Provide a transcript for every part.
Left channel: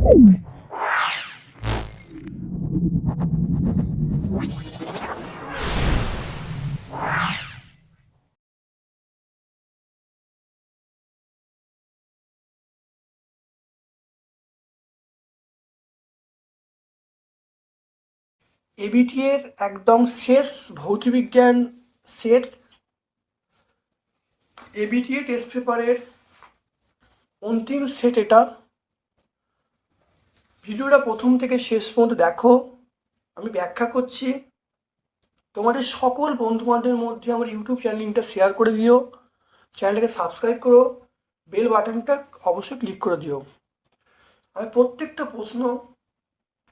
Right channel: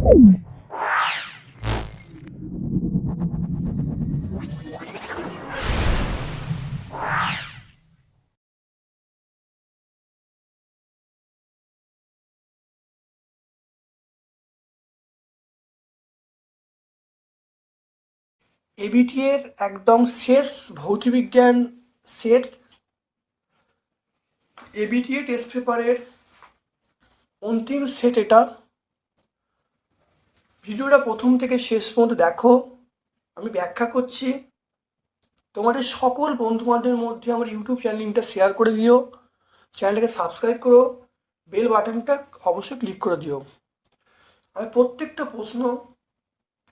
ABT এর একদম শেষ ভৌতবিজ্ঞান সেট, এবিটি টেস্ট পেপারের অন্তিম সেট এটা। ভিডিওটা প্রথম থেকে শেষ পর্যন্ত দেখো, আমি ব্যাখ্যা করছি। তোমাদের সকল বন্ধু বান্ধবের মধ্যে আমার ইউটিউব চ্যানেল লিঙ্কটা শেয়ার করে দিও, চ্যানেলটাকে সাবস্ক্রাইব করো, বেল বাটনটা অবশ্যই ক্লিক করে দিও। আমি প্রত্যেকটা প্রশ্ন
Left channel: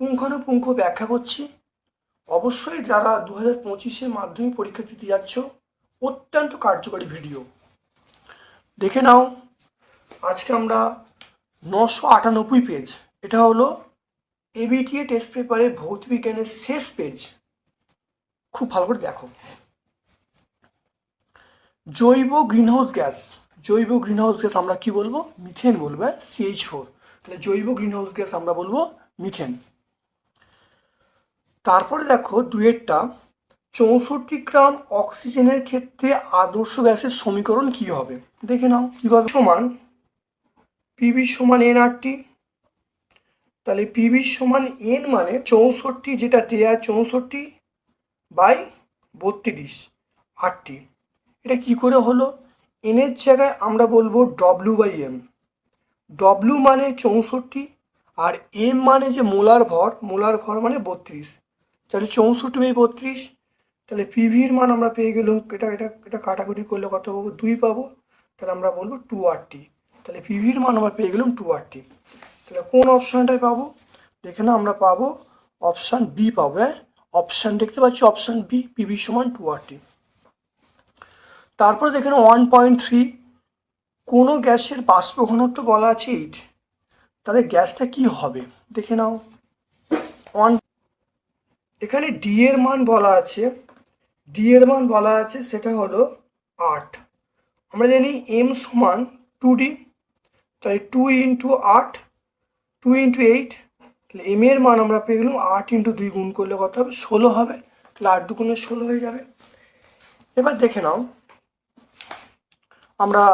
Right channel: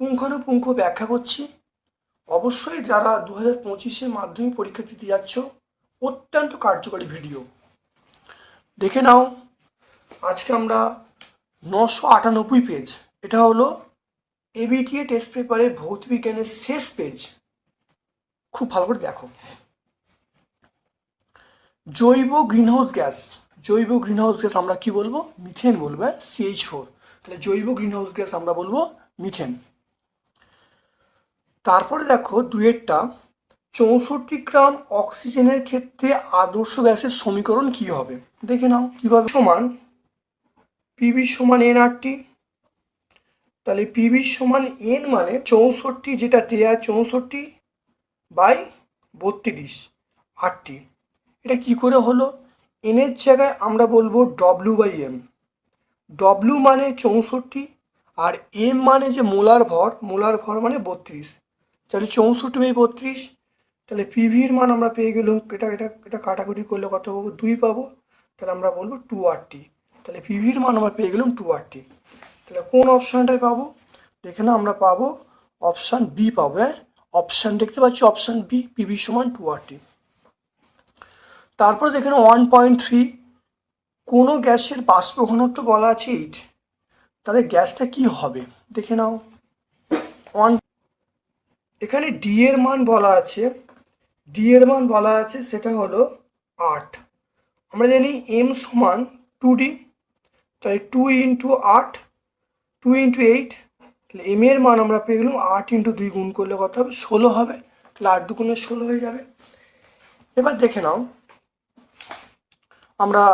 পুঙ্খানুপুঙ্খ ব্যাখ্যা করছি। অবশ্যই যারা 2025-এ মাধ্যমিক পরীক্ষা দিতে যাচ্ছ, অত্যন্ত কার্যকরী ভিডিও দেখে নাও। আজকে আমরা 998 পেজ, এটা হলো এবিটিএ টেস্ট পেপারের ভৌতবিজ্ঞানের শেষ পেজ। খুব ভালো করে দেখো। জৈব গ্রিনহাউস গ্যাস, জৈব গ্রিনহাউস গ্যাস আমরা কি বলবো? মিথেন বলবো, CH4। তাহলে জৈব গ্রিনহাউস গ্যাস আমরা বলবো মিথেন। তারপরে দেখো দুয়েরটা, 64 গ্রাম অক্সিজেনের ক্ষেত্রে আদর্শ গ্যাসের সমীকরণ কি হবে? দেখে নাও কিভাবে। সমান পিভি সমান এনআরটি। তাহলে পিভি সমান এন মানে 64, যেটা দেয়া 64/32 আরটি। এটা কি করে হলো? এনের জায়গায় আমরা বলবো ডব্লিউ/এম। ডব্লিউ মানে 64 আর এম মানে যে মোলার ভর, মোলার ভর মানে 32। তাহলে 64/32। তাহলে পিভির মান আমরা পেয়ে গেলাম, এটা এটা এটা কাটাকুটি করলে কত পাবো? 2 পাবো। তাহলে আমরা বলবো 2RT। তাহলে পিভির মান আমরা পেয়ে গেলাম 2RT। তাহলে কোন অপশানটায় পাবো? দেখে না, আমরা পাবো অপশান বি পাবো। হ্যাঁ, অপশান দেখতে পাচ্ছি, অপশান বি, পিভি সমান 2RT। তারপর দেখে নাও 1.3, কোনো গ্যাসের বাষ্প ঘনত্ব বলা আছে 8। তাহলে গ্যাসটা কি হবে দেখে নাও। এখানে ডি এর মান বলা আছে, ডি এর মান বলা আছে সেটা হলো 8। আমরা জানি এম সমান 2D, তাই 2 × 8, 2 × 8। তাহলে এম এর মান আমরা পেয়ে গেলাম 8 × 2 গুণ করলে কত হবে? 16 হবে। তাহলে 8 2 16 হয়ে যাবে। এবার দেখে নাও, আমরা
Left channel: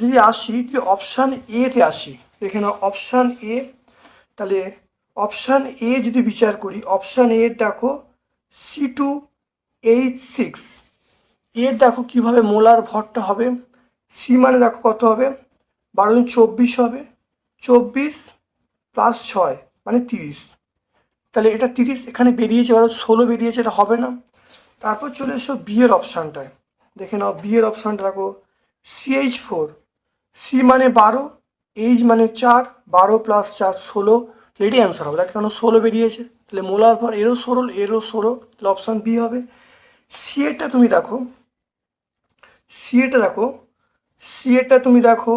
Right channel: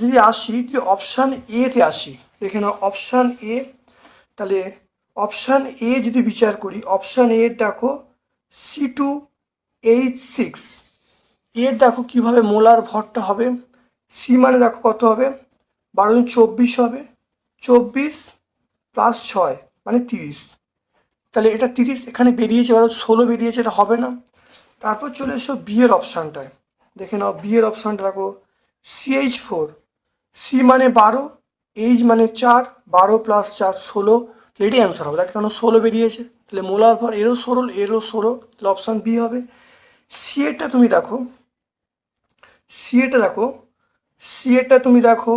যদি আসি যে অপশান এতে আসি, দেখে নাও অপশান এ। তাহলে অপশান এ যদি বিচার করি, অপশান এ দেখো C2H6। এর দেখো কিভাবে মোলার ভরটা হবে। সি মানে দেখো কত হবে? 12 24 হবে। 24 + 6 মানে 30। তাহলে এটা 30 এখানে বেরিয়েছে, 16 বেরিয়েছে, এটা হবে না। তারপর চলে এসো বি এর অপশানটায়। দেখে নাও বি এর অপশানটা দেখো CH4। সি মানে 12, এইচ মানে 4, 12 + 4 16। এটাই অ্যান্সার হবে। দেখ কেন 16 বেরিয়েছে। তাহলে মোলার ভর এরও 16, এরও 16। তাহলে অপশান বি হবে। সি এরটা তুমি দেখো, সি এরটা দেখো, সি এরটা তুমি দেখো,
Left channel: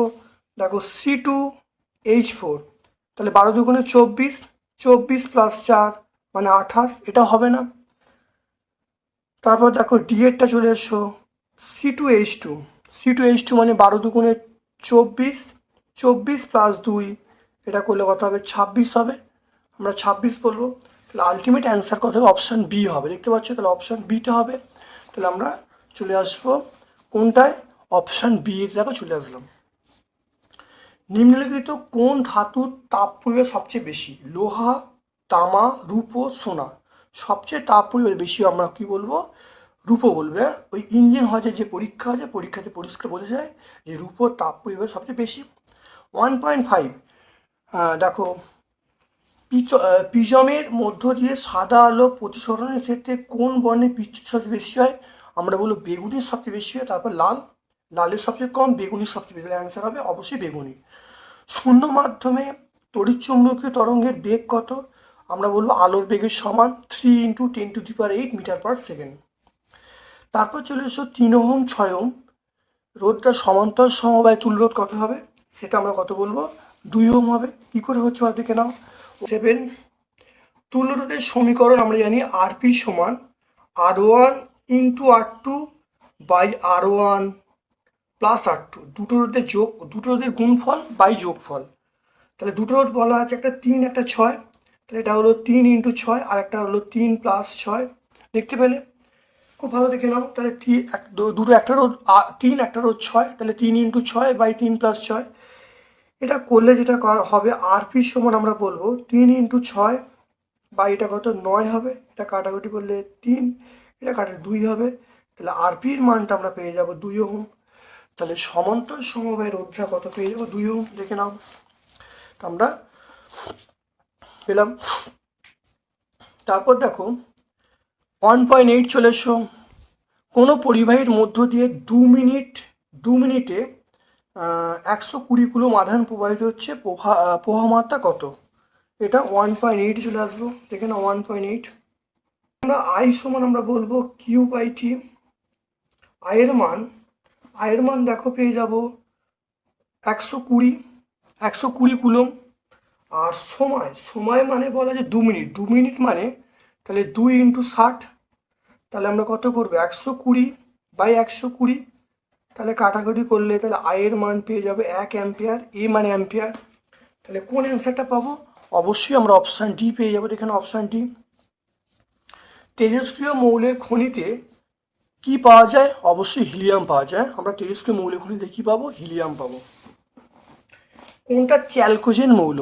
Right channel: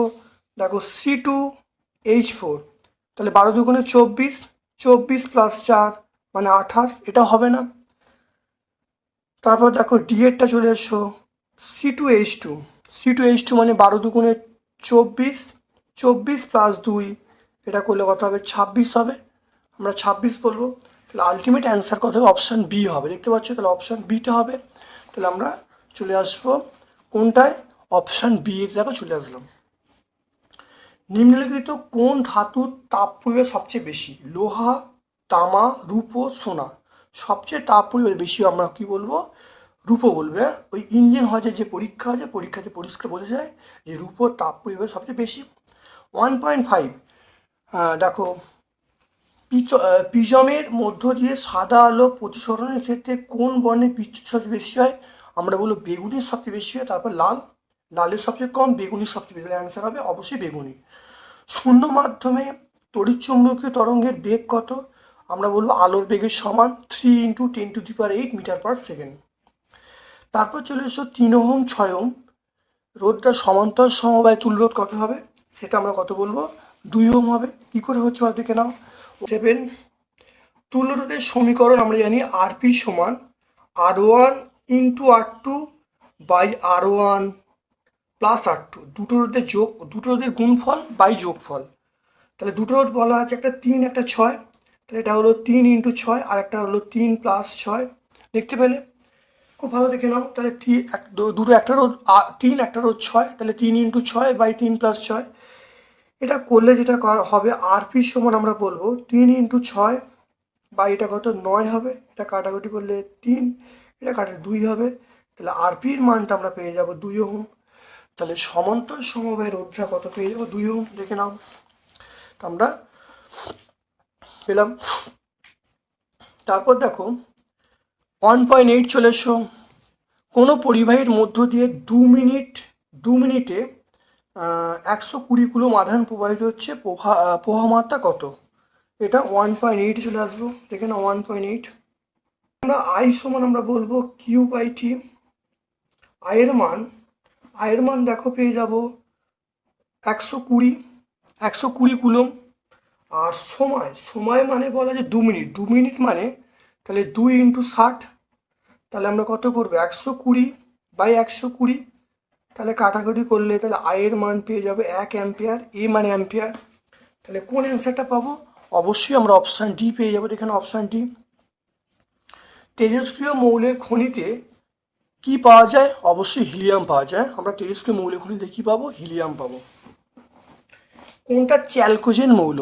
দেখো C2H4। তাহলে 12 × 24, 24 + 4 মানে 28। এটা হবে না। তারপর দেখো ডি এরটা চলে এসো C2H2। C2H2 মানে 12 × 24, 24 + 2, এটা করলে কত হবে? 26 হবে। আমরা 26 বলবো। তাহলে আলটিমেট অ্যান্সার কত হবে? অপশান বি হবে। দেখতে পাচ্ছ? তাহলে অপশান বিটা হবে। তাহলে আমরা চলে আসবো কোনটায়? অপশান বি দেখো চলে আসলাম। নিম্নলিখিত কোন ধাতুর তাপ পরিমাপ সবচেয়ে বেশি? লোহা, তামা, রূপো, সোনা। সবচেয়ে তাপ পরিমাপ বেশি আমরা কি বলবো? রূপো বলবে। ওই ইঞ্জিন হজে যে পরীক্ষা আছে, পরীক্ষাতে পরিষ্কার বোঝা যায় যে রূপোর তাপ পরিমাপ সবচেয়ে বেশি। 1.5, দেখো প্রিজমের মধ্য দিয়ে সাদা আলো প্রতিসরণের ক্ষেত্রে কোন বর্ণের বিচ্যুতি সবচেয়ে বেশি হয়? আমরা বলবো বেগুনির সবচেয়ে বেশি হয়, তারপর লাল, লালের সবচেয়ে কম, বেগুনির সবচেয়ে বেশি। অ্যান্সার হবে অবশ্যই বেগুনি। শূন্য মাধ্যমে তড়িৎচুম্বকীয় তরঙ্গের বেগ কত? আমরা বলবো আলোর বেগের সমান 3 × 10⁸ মিটার/সেকেন্ড। তারপর চলে এসো 3 ওহম 6 ওহম রোধটা সমান্তর সমবায় তুল্যরোধ কত হবে? সেটা আমরা কত বলবো? 2 ওহম হবে। কি করে হচ্ছে দেখে নাও। 7, তুল্যরোধের সমীকরণ আমরা জানি আরপি সমান R1 × R2/R1 + R2। দুটো রোধের গুণফল বাই যোগফল। তাহলে দুটো বলা আছে, একটা 3 একটা 6, তাহলে এটা হলো 3 × 6 আর একটা হলো 3 + 6। দেখতে পেলে? খুব ভালো দেখে নাও। তাহলে দুটো, একটারও 3 একটারও 6, তাহলে 3 × 6/3 + 6। এটা করলে যেটা হবে RP সমান আমরা বলবো 3 × 6 বা এটা কত 9 হবে, এটা কাটাকুটি করলে 3, এটা কাটলে 2 হবে, তাহলে RPর মানটা আমরা পেয়ে যাব 2 ওহম। তাহলে সমান্তর সমবায় রোধটা কত পেয়ে যাবো 2 ওহম। দেখে নাও, আমরা পেলাম। তারপর দেখো 1.8 চলে এসো। কোনো পরিবাহীর মধ্য দিয়ে 2 মিনিটে 120 কুলম আধান প্রবাহিত হচ্ছে, প্রবাহমাত্রা কত? এটা 1.8 চলে আসবো। দেখে না 1.8। আমরা I সমান আমরা বলবো Q/T। আয়ের মান দেখো পেয়ে যাব 120 কুলম। আর সময় মানে বলা যে 2 মিনিট মানে তাহলে 2 × 60, তাহলে আমরা কত করবো 120/120, তাহলে কাটাকুটি করলে তাহলে আয়ের মান পেয়ে যাবে 1 অ্যাম্পিয়ার, এ মানে অ্যাম্পিয়ার। তাহলে কোন অ্যান্সারটা পাবো? অবশ্যই আমরা অপশান ডি পেয়ে যাবো। এখানে অপশান ডি। তেজস্ক্রিয় মৌলের খনিতে কি পাওয়া যায়? অবশ্যই হিলিয়াম পাওয়া যায়। আমরা তেজস্ক্রিয় মৌলের খনিতে কি পাবো? হিলিয়াম পাবো। কোনটা চ্যালকোজেন মৌল?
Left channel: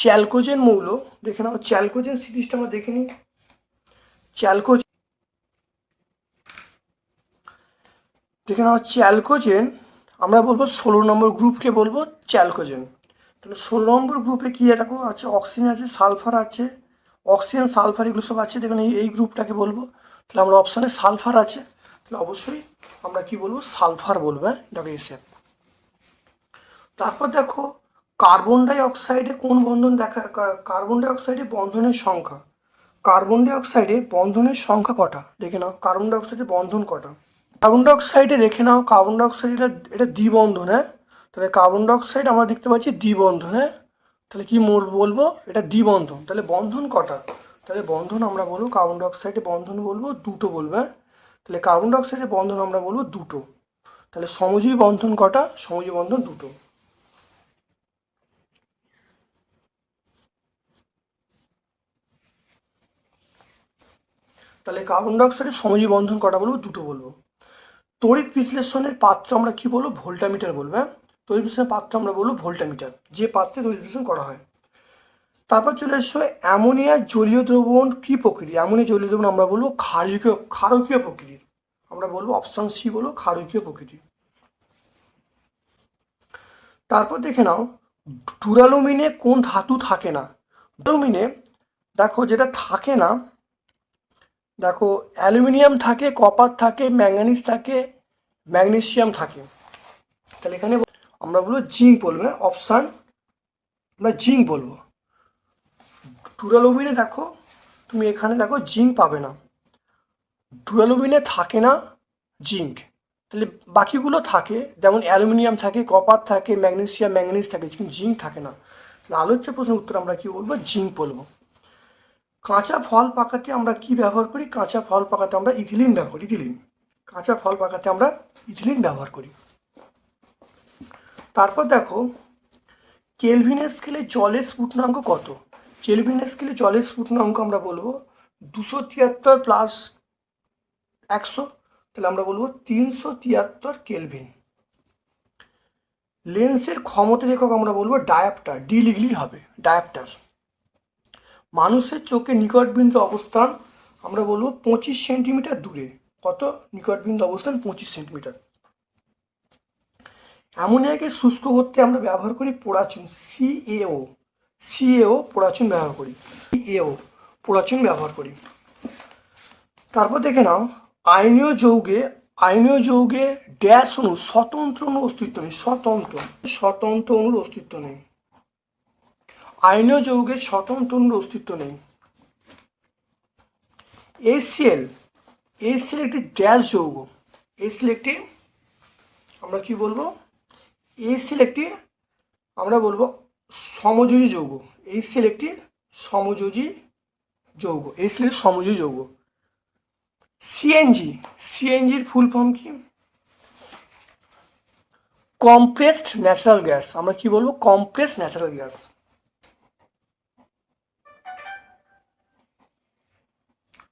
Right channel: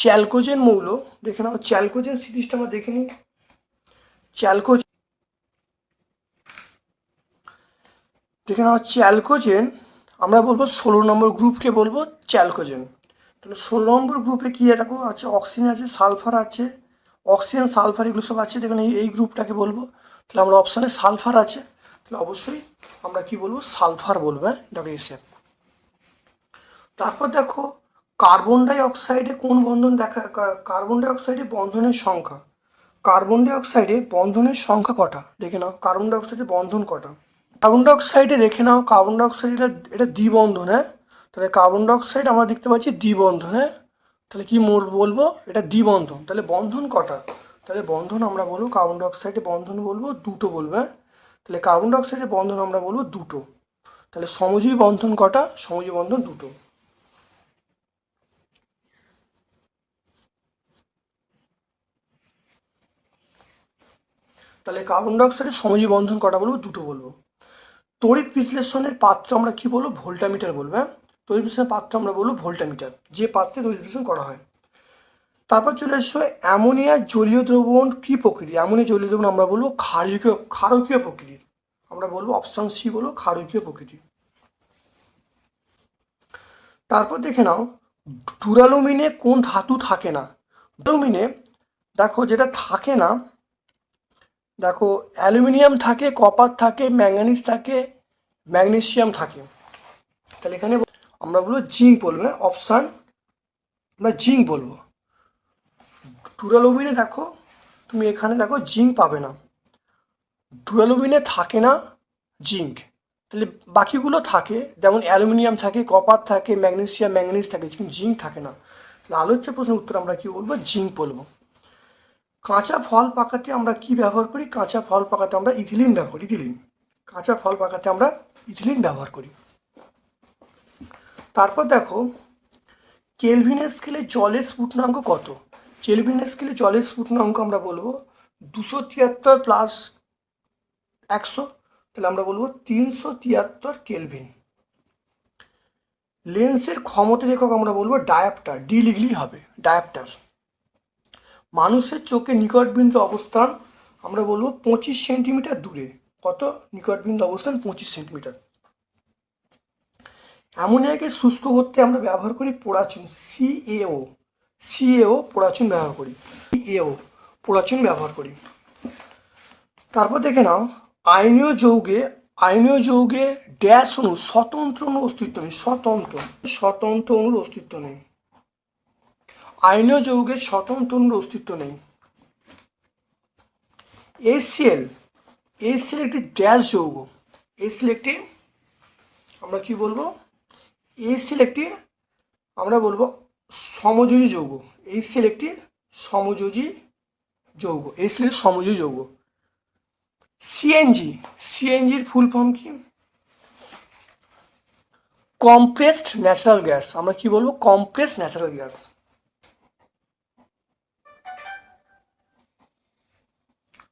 চ্যালকোজেন মৌল দেখে নাও, চ্যালকোজেন সিরিজটা আমরা দেখে নিই। চ্যালকোজেন দেখে নাও, চ্যালকোজেন আমরা বলবো 16 নম্বর গ্রুপকে বলবো চ্যালকোজেন। তাহলে 16 নম্বর গ্রুপে কি দেখো আছে, অক্সিজেন আছে, সালফার আছে, অক্সিজেন সালফার এগুলো সব আছে। দেখুন এই গ্রুপটাকে বলবো। তাহলে আমরা অপশানে সালফার আছে, তাহলে অবশ্যই আমরা কি বলবো? সালফার বলবো। এটাকে এসে তারপর দেখো কার্বন ডাই অক্সাইডে কোন বন্ধন কার্বন ডাই অক্সাইডে বন্ধনের সংখ্যা। কার্বন ডাই অক্সাইডে বন্ধনের সংখ্যা কটা? দেখে নাও কার্বন ডাই অক্সাইডে বন্ধন কটা। কার্বন ডাই অক্সাইডে দেখে নাও, কার্বন ডাই অক্সাইড এটা দ্বিবন্ধন। তাহলে কার্বন ডাই অক্সাইড আমরা দেখতে পাচ্ছি দ্বিবন্ধন। তাহলে কি বলবো? এটা দ্বিবন্ধন। তাহলে বন্ধন কটা? তাহলে বন্ধন আমরা বলবো কার্বন ডাই অক্সাইডে বন্ধন বলবো দুটো বলবো। তাহলে কার্বন ডাই অক্সাইডের বন্ধন আমরা বলবো দুটো। তাহলে সমযোজী বন্ধন কটা? সমযোজী বন্ধন দুটো। তাহলে কার্বন ডাই অক্সাইডের সমযোজী বন্ধন কটা বলবো? দুটো বলবো। তড়িৎ বিশ্লেষণের পাত্র আমরা কি বলবো? ভোল্টামিটার বলবো। তড়িৎ বিশ্লেষণের পাত্র আমরা বলবো ভোল্টামিটার, যে পাত্রে তড়িৎ বিশ্লেষণ করা হয়। তারপর চলে এসো অ্যামোনিয়ার জলীয় দ্রবণ কি প্রকৃতি? অ্যামোনিয়া জলীয় দ্রবণ আমরা বলবো ক্ষারকীয় প্রকৃতির। আমরা বলবো অপশন সি বলো ক্ষারকীয় প্রকৃতি। তারপর দেখে নাও ডুরালুমিনে কোন ধাতু থাকে না? ডুরালুমিনে দেখো যেটা থাকে না, দেখো অ্যালুমিনিয়াম থাকে, কপার থাকে, ম্যাঙ্গানিজ থাকে, ম্যাগনেসিয়াম থাকে। তাহলে এখানে আমরা বলবো জিঙ্ক বলবো। অপশান আমরা জিঙ্ক বলবো। ডুরালুমিনে দেখো তুমি এখানে দেখো জিঙ্ক পাবে না, ডুরালুমিনে থাকে না জিঙ্ক। তাহলে বাকিগুলো থাকে, যেমন অ্যালুমিনিয়াম থাকে, কপার থাকে, ম্যাগনেসিয়াম ম্যাঙ্গানিজ থাকে, কিন্তু জিঙ্ক থাকে না। তাহলে আলোচ্য প্রশ্নের উত্তর আমরা কি বলবো? জিঙ্ক বলবো। কাঁচা ফল পাকাতে আমরা কি ব্যবহার করি? কাঁচা ফল পাকাতে আমরা ইথিলিন ব্যবহার করি। কাঁচা ফল পাকাতে আমরা ইথিলিন ব্যবহার করি। তারপর দেখো কেলভিনের স্কেলে জলের স্ফুটনাঙ্ক কত? কেলভিনের স্কেলে জলের স্ফুটনাঙ্ক আমরা বলবো 273 + 100, তাহলে আমরা বলবো 373 কেলভিন। লেন্সের ক্ষমতার একক আমরা বলবো ডায়াপ্টার, ডি লিখলেই হবে ডায়াপ্টার। মানুষের চোখে নিকটবিন্দু অবস্থান আমরা বলবো 25 সেন্টিমিটার দূরে। কত নিকটবিন্দু অবস্থান? 25 সেন্টিমিটার। অ্যামোনিয়াকে শুষ্ক করতে আমরা ব্যবহার করি পোড়াচুন, সিএও পোড়াচুন ব্যবহার করি, পোড়াচুন ব্যবহার করি। তারপর দেখে নাও আয়নীয় যৌগে ড্যাশ অণু স্বতন্ত্র অণুর অস্তিত্ব নেই। স্বতন্ত্র অণুর অস্তিত্ব নেই। আয়নীয় যৌগের স্বতন্ত্র অণুর অস্তিত্ব নেই। HCl একটি ড্যাশ যৌগ। HCl একটি আমরা কি বলবো? HCl একটি আমরা বলবো সমযোজী যৌগ। HCl একটি সমযোজী যৌগ। HCl সমযোজী যৌগ। সিএনজির ফুল ফর্ম কি? Compressed natural gas. আমরা কি বলবো? Compressed natural gas.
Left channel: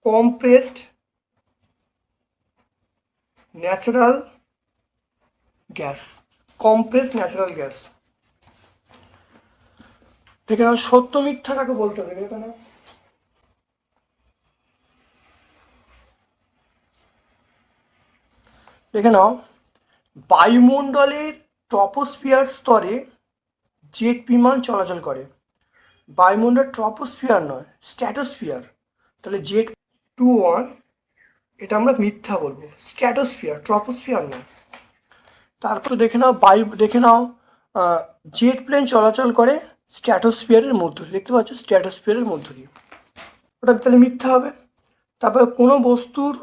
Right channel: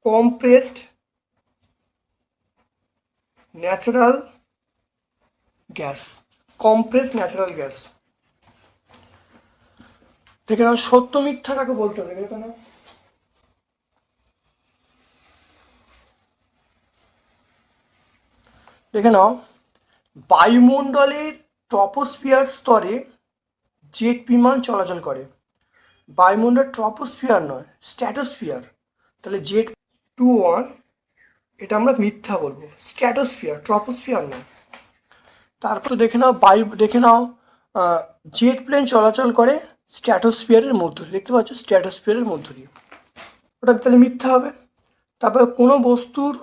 Compressed natural gas, compressed natural gas. দেখে নাও সত্য মিথ্যা কাকে বলতে হবে, দেখে নাও। দেখে নাও বায়ুমণ্ডলের ট্রপোস্ফিয়ার স্তরে জেট বিমান চলাচল করে। বায়ুমণ্ডল ট্রপোস্ফিয়ার নয়, স্ট্র্যাটোস্ফিয়ার। তাহলে জেট 2-1 এটা আমরা মিথ্যা বলবো, স্ট্র্যাটোস্ফিয়ার, ট্রপোস্ফিয়ার নয়। তারপর দেখে নাও দেখে নাও জেট প্লেন চলাচল করে স্ট্র্যাটোস্ফিয়ারের মধ্য দিয়ে, দেখতে পাচ্ছ স্ট্র্যাটোস্ফিয়ারের মধ্য দিয়ে, ওটা তাহলে মিথ্যা হবে। তারপরে কোনো বস্তুর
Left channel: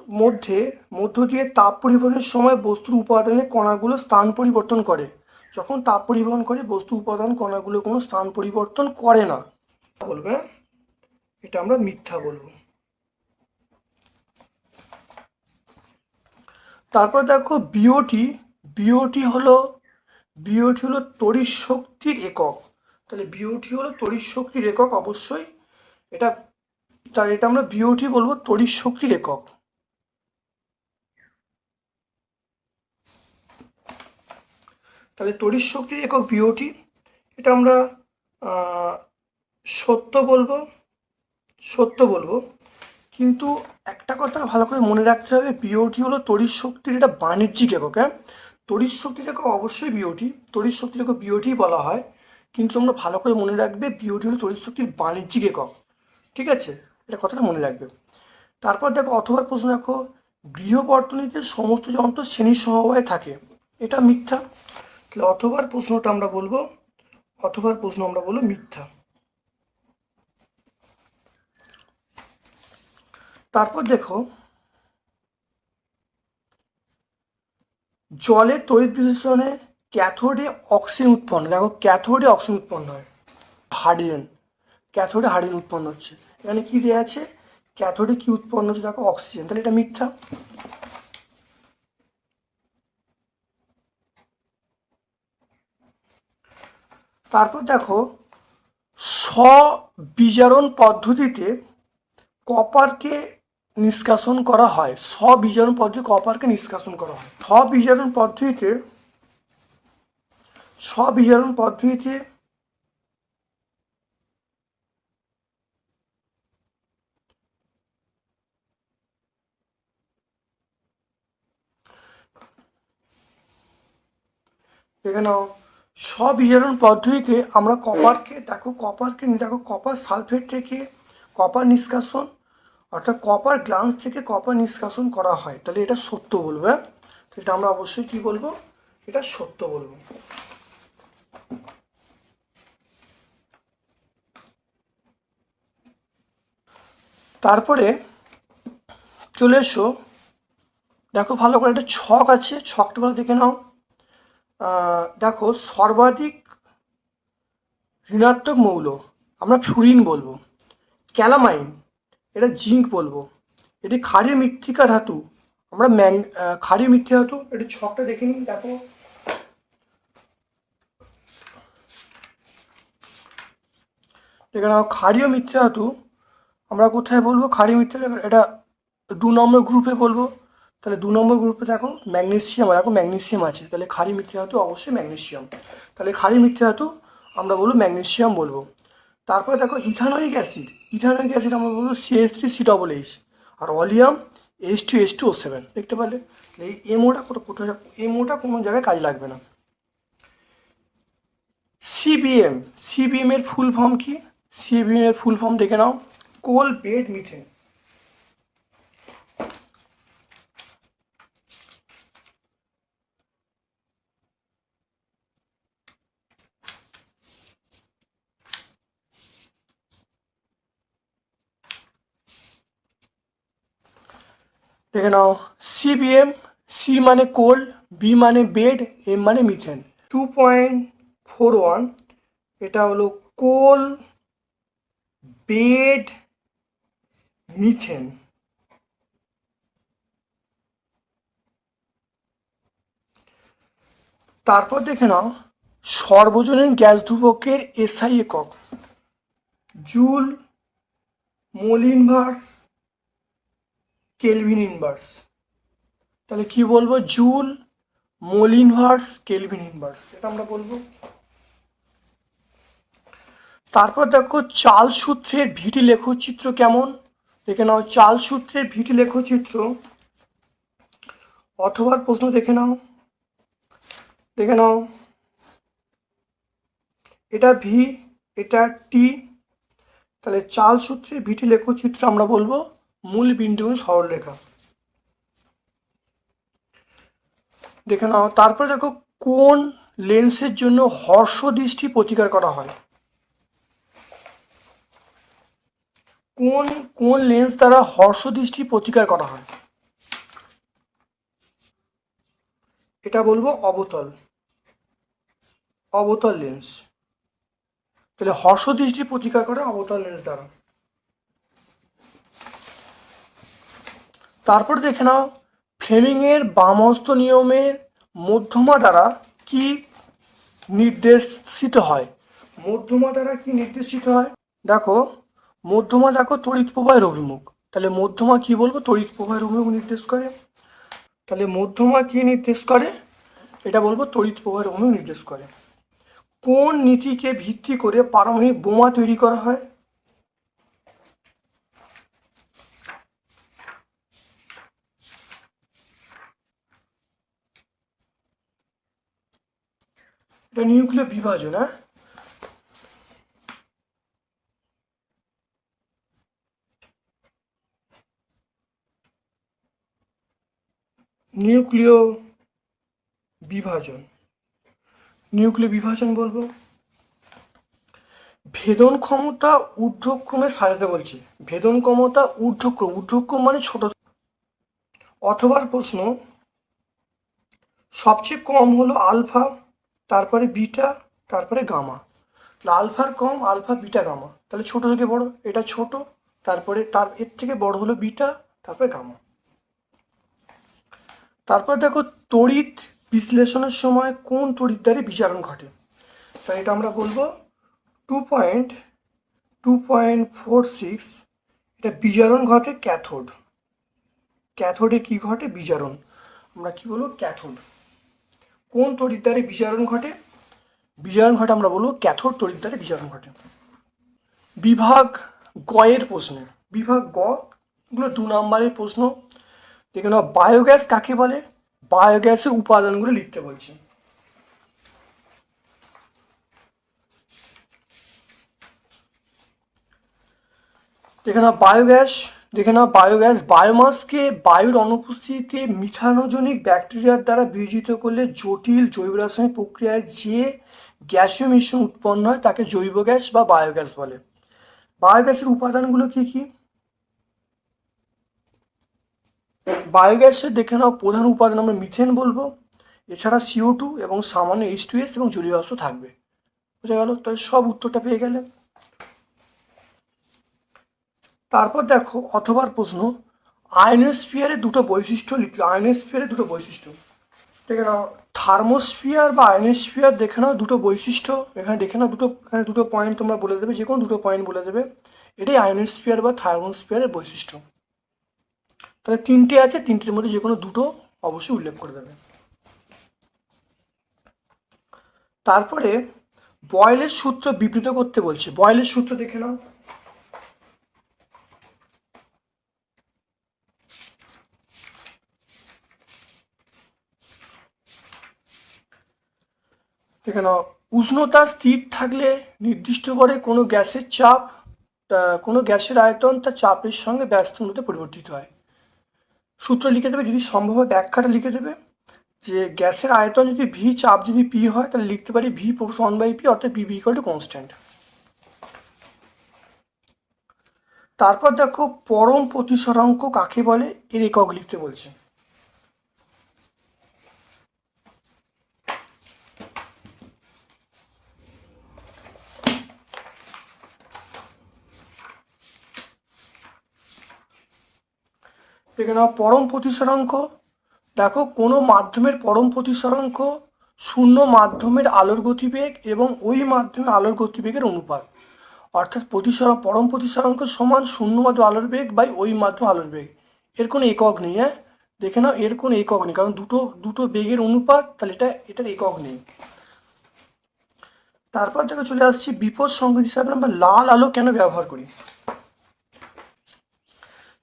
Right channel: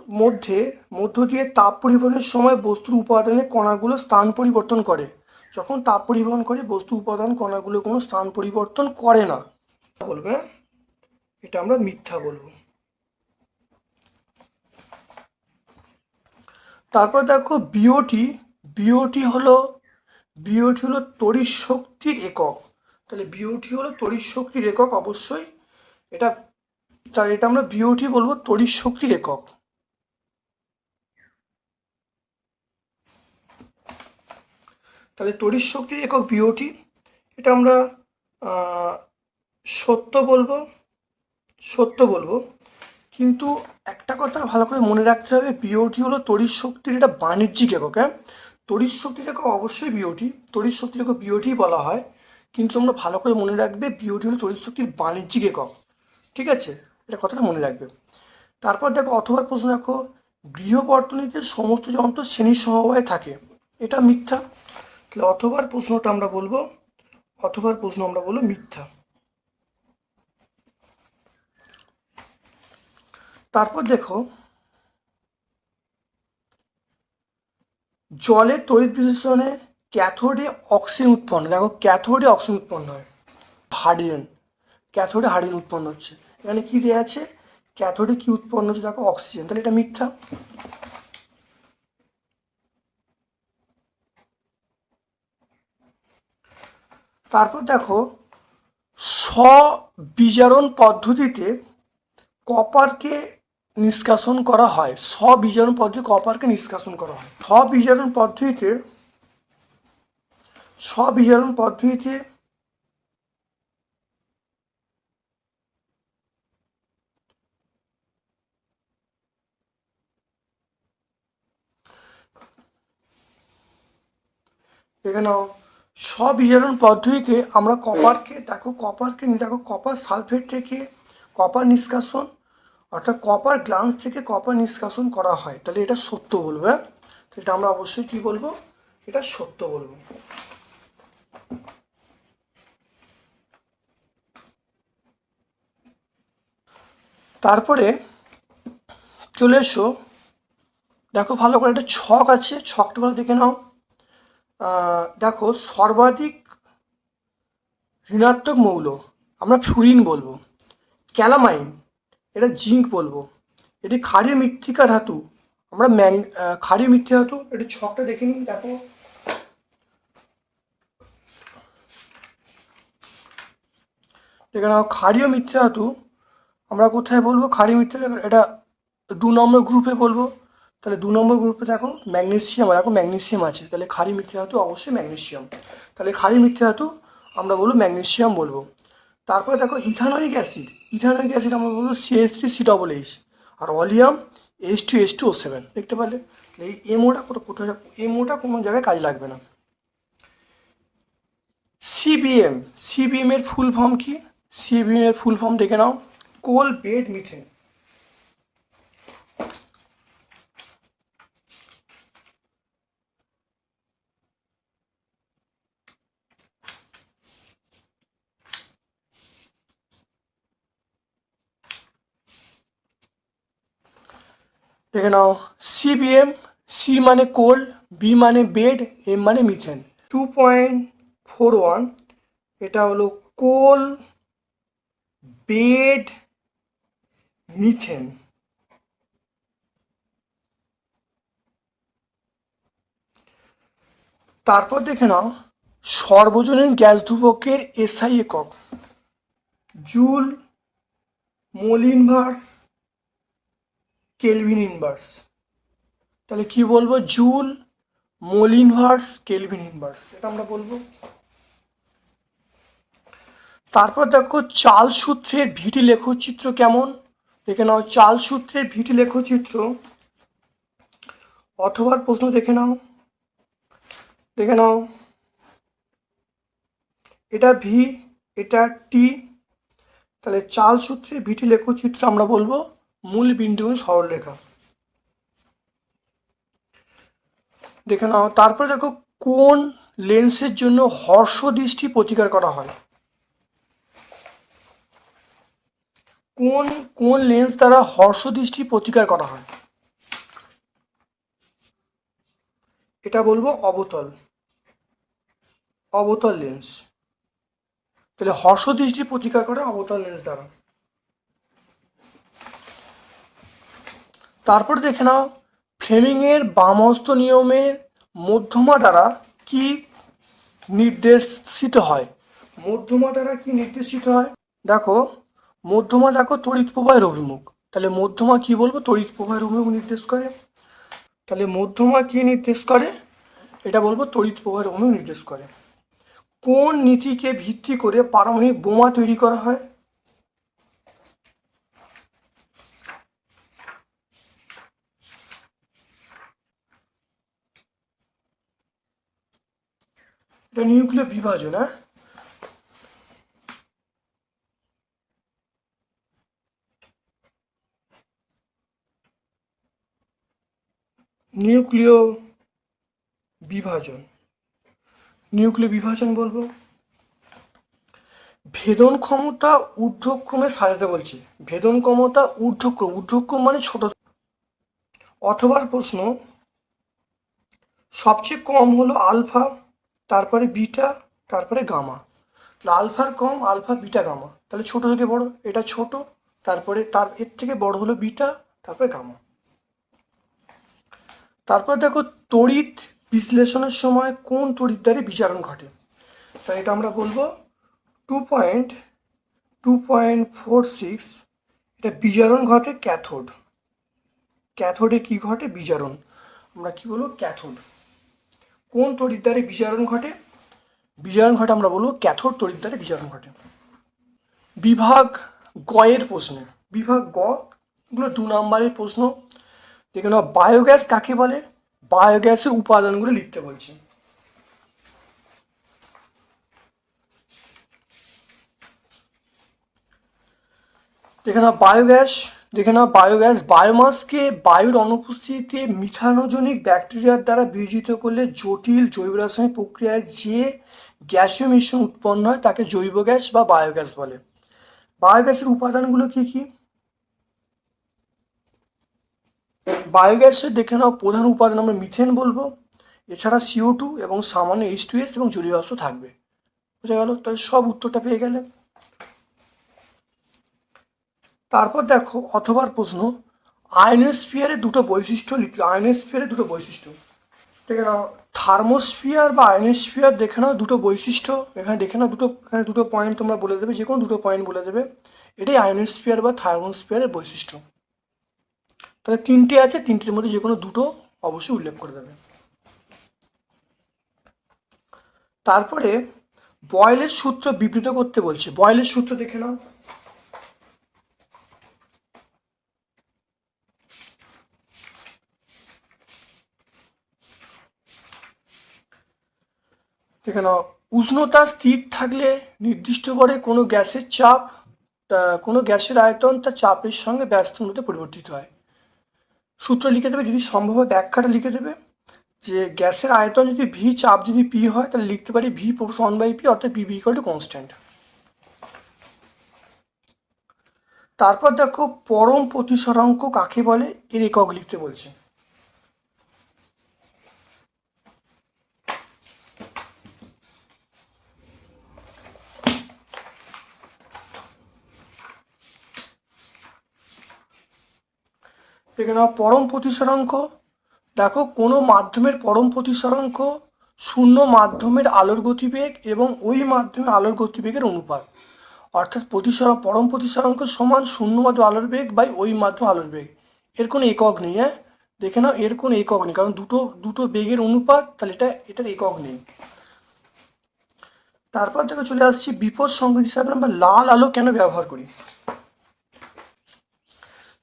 মধ্য দিয়ে তাপ পরিবহনের সময় বস্তুর উপাদানের কণাগুলো স্থান পরিবর্তন করে। যখন তাপ পরিবহন করে বস্তু উপাদান কণাগুলো কোনো স্থান পরিবর্তন করে না বলবে, এটা আমরা মিথ্যা বলবো। তারপর দেখো বিওটি হলো তড়িৎ শক্তির একক। তাহলে বিওটি হলো তড়িৎ শক্তির একক, অবশ্যই এটা, তাহলে এটা আমরা বিওটি বলবো তড়িৎ শক্তির একক। তাহলে তড়িৎ শক্তির একক বিওটি, এটা আমরা সত্য বলবো। কিন্তু একটা কথা ভালো করে মনে রাখতে হবে, বিওটি হলো তড়িৎ শক্তির এটা বাণিজ্যিক একক। হ্যাঁ, তড়িৎ শক্তির একক অবশ্যই বিওটি, তড়িৎ শক্তির একক বিওটি বলা হয়, কিন্তু তোমরা ভালো করে মনে রাখবে বিওটি হলো তড়িৎ শক্তির বাণিজ্যিক একক। ঠিক আছে, এটা কথাটা মনে রাখবে। তারপর দেখো অথবা প্রশ্ন দেখো, গৃহবর্তনীতে সমস্ত যন্ত্র শ্রেণী সমবায়ে থাকে, এটা মিথ্যা। তাহলে অথবার প্রশ্নটা আমরা বলবো মিথ্যা। তারপর দেখো জলের তড়িৎ বিশ্লেষণে ক্যাথোডে অক্সিজেন উৎপন্ন, দেখো ক্যাথোডে অক্সিজেন উৎপন্ন হয়, ক্যাথোডে হাইড্রোজেন উৎপন্ন হচ্ছে। এখানে কি দেওয়া আছে, ক্যাথোডে কি উৎপন্ন হচ্ছে, দেখো অক্সিজেন, তাহলে এটা মিথ্যা। তারপর দেখো স্ববিজারণ পদ্ধতিতে কপারকে নিষ্কাশন করা হয়, স্ববিজারণ পদ্ধতি কপারকে নিষ্কাশন করা হয়। স্ববিজারণ পদ্ধতিতে দেখে নাও, স্ববিজারণ পদ্ধতিতে আমরা কপার সালফেট থেকে কপার নিষ্কাশন, অর্থাৎ কপার গ্লান্স থেকে কপার নিষ্কাশন করা হয়। তাহলে এটা সত্য বলবো। হ্যাঁ, এটা আমরা অবশ্যই কি বলবো, এটা সত্য বলবো। তারপরে চলে এসো, দেখো ভালো করে একটা ছক আছে, ছকটা ভালো দেখে নাও। দেখো সর্বাধিক ঋণাত্মক মৌল আমরা ফ্লুরিন বলবো, ক্যালামাইন এটা জিঙ্ক বলবো, এটি ক্ষারীয় মৃত্তিকা ধাতু আমরা ক্ষারীয় মৃত্তিকা ধাতু। এটি ছকটা দেখে নিই, দেখো নাও ক্ষারীয় মৃত্তিকা ধাতু আমরা কোথায় বলবো, ক্ষারীয় মৃত্তিকা এটা 2 নম্বর গ্রুপে বলবো। তাহলে 2 নম্বর গ্রুপে দেখো ম্যাগনেসিয়াম আছে, তাহলে ক্ষারীয় মৃত্তিকা ধাতু অবশ্যই ম্যাগনেসিয়াম। তাহলে ক্ষারীয় মৃত্তিকা ধাতু আমরা বলবো ম্যাগনেসিয়াম বলবো। তারপর দেখো ইথানোয়িক অ্যাসিড আমরা বলবো CH3COOH, আর অলিয়াম H2SO7। দেখতে পারলে এই এমওটা কোনো জায়গায় কাজে লাগবে না। সিবিএম এর ফুল ফর্ম কি, সিবিএম এর ফুল ফর্ম দেখে নাও, কোল বেড মিথেন। দেখে নাও সিবিএম, সি মানে কোল, বি মানে বেড, এম মানে মিথেন। 2.41 এটা হলো কোল বেড মিথেন। তারপর দেখে নাও সর্বজনীন গ্যাস ধ্রুবকের এসআই একক joule, mole inverse, kelvin inverse. তাহলে কি বলবো? Joule, mole inverse, kelvin inverse, এটা আমরা বলবো। তারপর দেখো চার্লস সূত্রের ভিটি লেখচিত্র কেমন। দেখে নাও চার্লস সূত্রের ভিটি লেখচিত্র, অথবা প্রশ্ন দেখে নাও, দেখে নাও, এটা ভি, এটা টি। তাহলে চার্লস সূত্রের ভিটি লেখচিত্র আমরা বলবো মূল বিন্দু সরলরেখা। দেখে নাও। তারপরে দেখো কোন লেন্সের জন্য হর্ষ দৃষ্টি প্রতিকার করা হয়। কোন কোন লেন্স দ্বারা হর্ষ দৃষ্টি প্রতিকার করা হয়? এটা বলবো অবতল, অবতল লেন্স। তাহলে হর্ষ দৃষ্টি প্রতিকার করে অবতল লেন্স দ্বারা। তারপর দেখে নাও ফ্লেমিং এর বামহস্ত নিয়মের মধ্যমা দ্বারা কি নির্দেশিত হয়। মধ্যমা দ্বারা কি নির্দেশিত হয়? দেখো মধ্যমা, দেখো তড়িৎ প্রবাহের অভিমুখ। তাহলে মধ্যমা কি বলবো? তড়িৎ প্রবাহের অভিমুখ নির্দেশ করে। তাহলে মধ্যমা কি নির্দেশ করে? এটা বলবো তড়িৎ প্রবাহের অভিমুখ নির্দেশ করে। কোন নীতিকে ভিত্তি করে পারমাণবিক বোমা তৈরি করা হয়? এটা নিউক্লিয় বিভাজন। হ্যাঁ, নিউক্লিয় বিভাজন, নিউক্লিয় বিভাজন বলবো। ভেদন ক্ষমতা ঊর্ধ্বক্রমে সাজাতে বলছি। ভেদন ক্ষমতা ঊর্ধ্বক্রম, ঊর্ধ্বক্রম মানে ছোট। অথবা প্রশ্ন সবচেয়ে কম হলো আলফা, তারপরে বিটা, তারপরে গামা। আলফার কম, আলফা, বিটা, গামা। তাহলে ছোট থেকে বড়, এটা ছোট, তারপরে তার এর থেকে বড় হলো বিটা, তারপরে গামা। তারপর দেখো তড়িৎ বিশ্লেষণের সময় কোন তড়িৎ দ্বারে বিজারণ ঘটে। তাই এটা আমরা বলবো 2.2.46, এটা বিজারণ ঘটে ক্যাথোড। ক্যাথোডে কি ঘটে? বিজারণ। আমরা কি বলবো? ক্যাথোড। কোন তড়িৎ দ্বারে বিজারণ ঘটে? বিজারণ ঘটে আমরা বলবো ক্যাথোড তড়িৎ দ্বারে বিজারণ ঘটে। বিভাগ গয়ের প্রশ্নে, বিভাগ গ গুলো 2 নম্বরের প্রশ্ন। দেখে নাও বায়োগ্যাস কাকে বলে? বায়োগ্যাসের উপাদানগুলো লিখতে বলছি। দেখে নাও বায়োগ্যাস, দেখে নাও বায়োগ্যাস বায়োমাসকে বায়ুর অনুপস্থিতিতে মিথানোজনিক ব্যাকটেরিয়ার দ্বারা বিয়োজিত করলে জটিল জৈব রাসায়নিক প্রক্রিয়ায় যে গ্যাসীয় মিশ্রণ উৎপন্ন হয় তাকে জৈব গ্যাস বা বায়োগ্যাস বলে। বায়োগ্যাসের উপাদানগুলো কি কি? বায়োগ্যাসের দেখে নাও প্রধান উপাদান আমরা মিথেন বলবো, এছাড়া CO2 এবং সামান্য H2S এবং জলীয় বাষ্প থাকবে। বুঝা গেল? তাহলে সব উত্তরটা পেয়ে গেলে। তারপর দেখো অথবার প্রশ্ন আয়নোস্ফিয়ারের দুটো বৈশিষ্ট্য লিখি। আয়নোস্ফিয়ারের দুটো বৈশিষ্ট্য দেখে নাও। থার্মোস্ফিয়ার বা আয়নোস্ফিয়ার দেখে নাও দুটো বৈশিষ্ট্য। এখানে দেখে নাও এখানে দুটো পয়েন্ট তোমরা বলে দেবে, যে কোনো দুটো পয়েন্ট বলে দেবে। এটাই আয়নোস্ফিয়ার বা থার্মোস্ফিয়ারের বৈশিষ্ট্য। তাহলে 3টে আছে, 3টির মধ্যে যে কোনো দুটো অবশ্যই উল্লেখ করে দেবে। তারপরে বয়েলের সূত্র বিবৃত করতে বলছে। বয়েলের সূত্র দেখে নাও। দেখে নাও উষ্ণতা স্থির থাকলে নির্দিষ্ট করে কোনো গ্যাসের চাপ, কোনো গ্যাসের আয়তন তার চাপের সঙ্গে ব্যস্ততার মধ্যে পরিবর্তিত হয়। সূত্র লিখে দেবে, যদি সম্ভব হয় ব্যাখ্যাটা লিখে দেবে যে গ্যাসের আয়তন যদি ভি, চাপ যদি পি হয়, তাহলে লিখতে পারি ভি সমান বাই পি, অর্থাৎ P V equal to constant. তারপর দেখো পরম প্রতিসরাঙ্ক কাকে বলে, এর একক লিখতে বলছে। দেখে নাও পরম প্রতিসরাঙ্ক। দেখো কোনো মাধ্যমের পরম প্রতিসরাঙ্ক শূন্য মাধ্যমের আলোর গতিবেগ এবং ওই মাধ্যমে আলোর গতিবেগের অনুপাত। অর্থাৎ পরম প্রতিসরাঙ্ক সমান শূন্য মাধ্যমে আলোর বেগ বাই ওই মাধ্যমে আলোর বেগ। এর কোনো একক নেই, হ্যাঁ দেখে নাও, এর কোনো একক নেই, কারণ দুটো দুটো বেগের অনুপাত, তাহলে এটার একক নেই। তারপর থেকে চলে আসছি বিপদ সংকেত হিসাবে আমরা লাল আলো কেন ব্যবহার করি।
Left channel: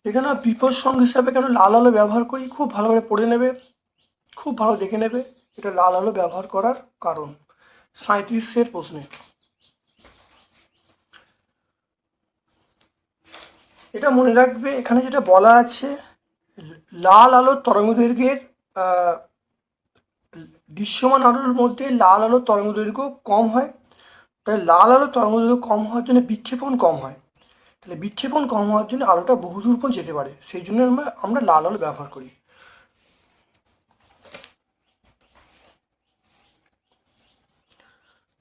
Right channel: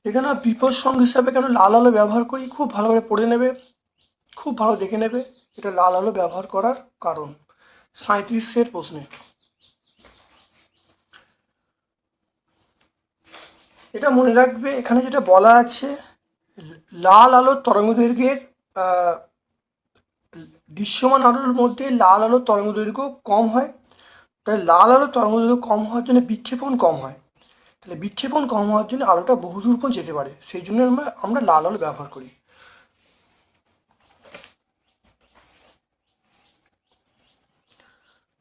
এখানে বিপদ সংকেত হিসাবে কেন লাল আলো ব্যবহার করি, খুব ভালো করে পড়ে নেবে, খুব ভালো দেখে নেবে এটা লাল আলো ব্যবহার করার কারণ। 37-এর প্রশ্নে এটা মনে রাখবে, এখানে যেটা বলা আছে, লাল আলোর তরঙ্গদৈর্ঘ্যের দৃশ্যমান আলোর মধ্যে লাল আলোর তরঙ্গদৈর্ঘ্য কম হয়, তাই লাল আলোর তরঙ্গদৈর্ঘ্য কম হওয়ার জন্য বিক্ষেপণ কম হয়, তাহলে বিক্ষেপণ কম হওয়ার জন্য আলোটা বহুদূর পর্যন্ত যেতে পারে, সেই জন্য আমরা লাল আলো ব্যবহার করি।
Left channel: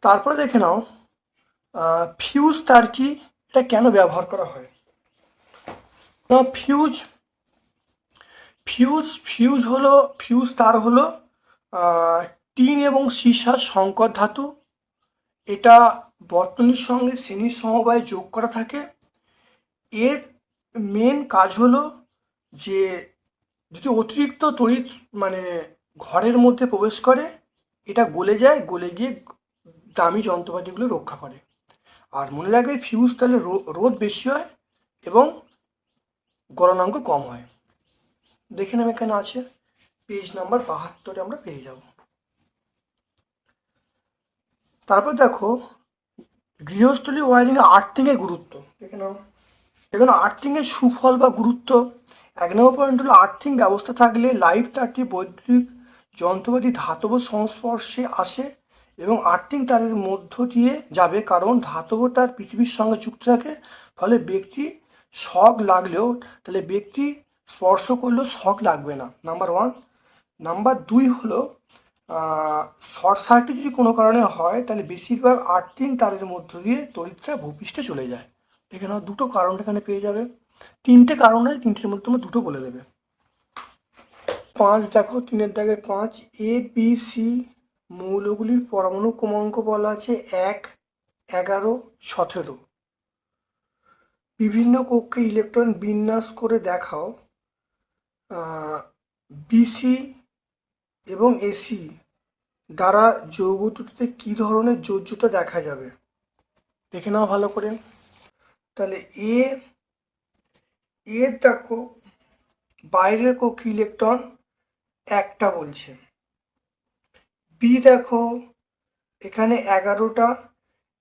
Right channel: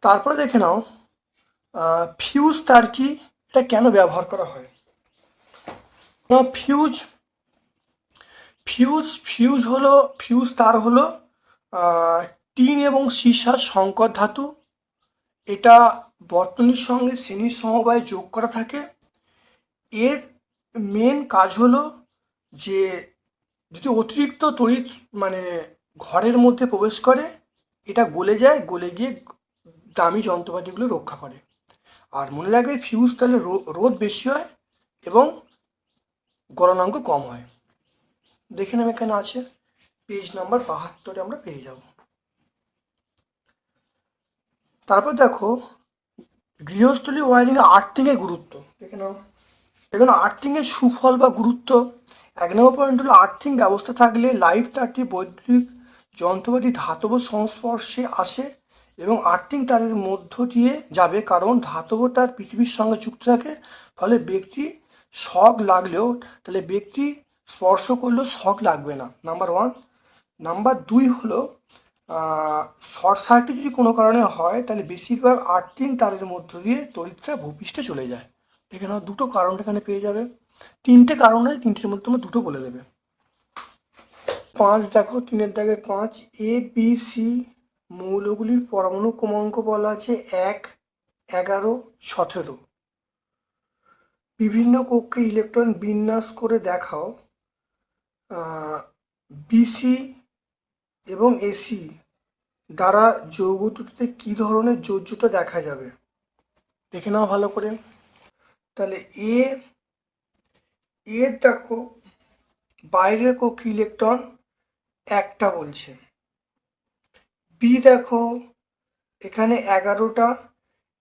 তারপরে দেখে নাও ফিউজ তার কি, এটা কেন ব্যবহার করা হয়। ফিউজ ফিউজ ফিউজ হলো ফিউজ তার হলো টিন এবং সীসার সংকর ধাতু, এটা বর্তনীর সঙ্গে শ্রেণীর সমবায় যোগ করা থাকে। এর মেন কাজ হলো যে যদি অতিরিক্ত তড়িৎ মানে ঘরের মধ্যে প্রবেশ করে, এটা গলে যায়, গলে গিয়ে দামি যন্ত্রপাতিগুলো রক্ষা করে। আর মনে রাখবে ফিউজ তাহলে রোধ বেশি হয় এবং গলনাঙ্ক কম হয়। দেখে নেবে কেন আছে, পেজ নাম্বার 72 আমরা পেয়ে যাব। তারপর দেখো গৃহস্থলী ওয়ারিং আর্থিংয়ের গুরুত্ব। এখানে আর্থিংয়ের সুফল বা গুরুত্ব, 1 নম্বর পয়েন্ট হলো আর্থিং ব্যবস্থা থাকলে লাইভ তারটি বৈদ্যুতিক যন্ত্রপাতি ধাতব সংস্পর্শে আসে এবং আর্থিং তারের মধ্য দিয়ে যাবে, কারণ ধাতব তার পৃথিবীর সঙ্গে যুক্ত থাকে, ফলে ব্যক্তি শক লাগলেও, তাহলে ব্যক্তি স্পর্শ করলেও শক লাগবে না, নাম্বার 1। নাম্বার 2 হলো শর্ট সার্কিট যদি কোনো কারণে হয়, তাহলে বেশিরভাগ আর্থিং তারের মধ্য দিয়ে তড়িৎটা ভূপৃষ্ঠে চলে যায়। এখানে দুটো কারণ এখানে পেয়ে যাবে, 3টে কারণ হয়, 3টের মধ্যে আমরা 2টো বলে দেবে। 5 দেখো, 3-এর দাগের 5, এ বি সি মৌলগুলির পরমাণু ক্রমাঙ্ক বলা আছে 1, 11, 17। বিভিন্ন কক্ষে ইলেকট্রন বিন্যাস করে দেখাও বিসি এবং এসি দ্বারা যৌগ দুটিতে কী ধরনের যোজ্যতা দেখা যাবে। দেখে নাও ভালো করে। তাহলে এ দেখো বাইরের কক্ষে ইলেকট্রন একটা বলছে, বি দেখো এখানে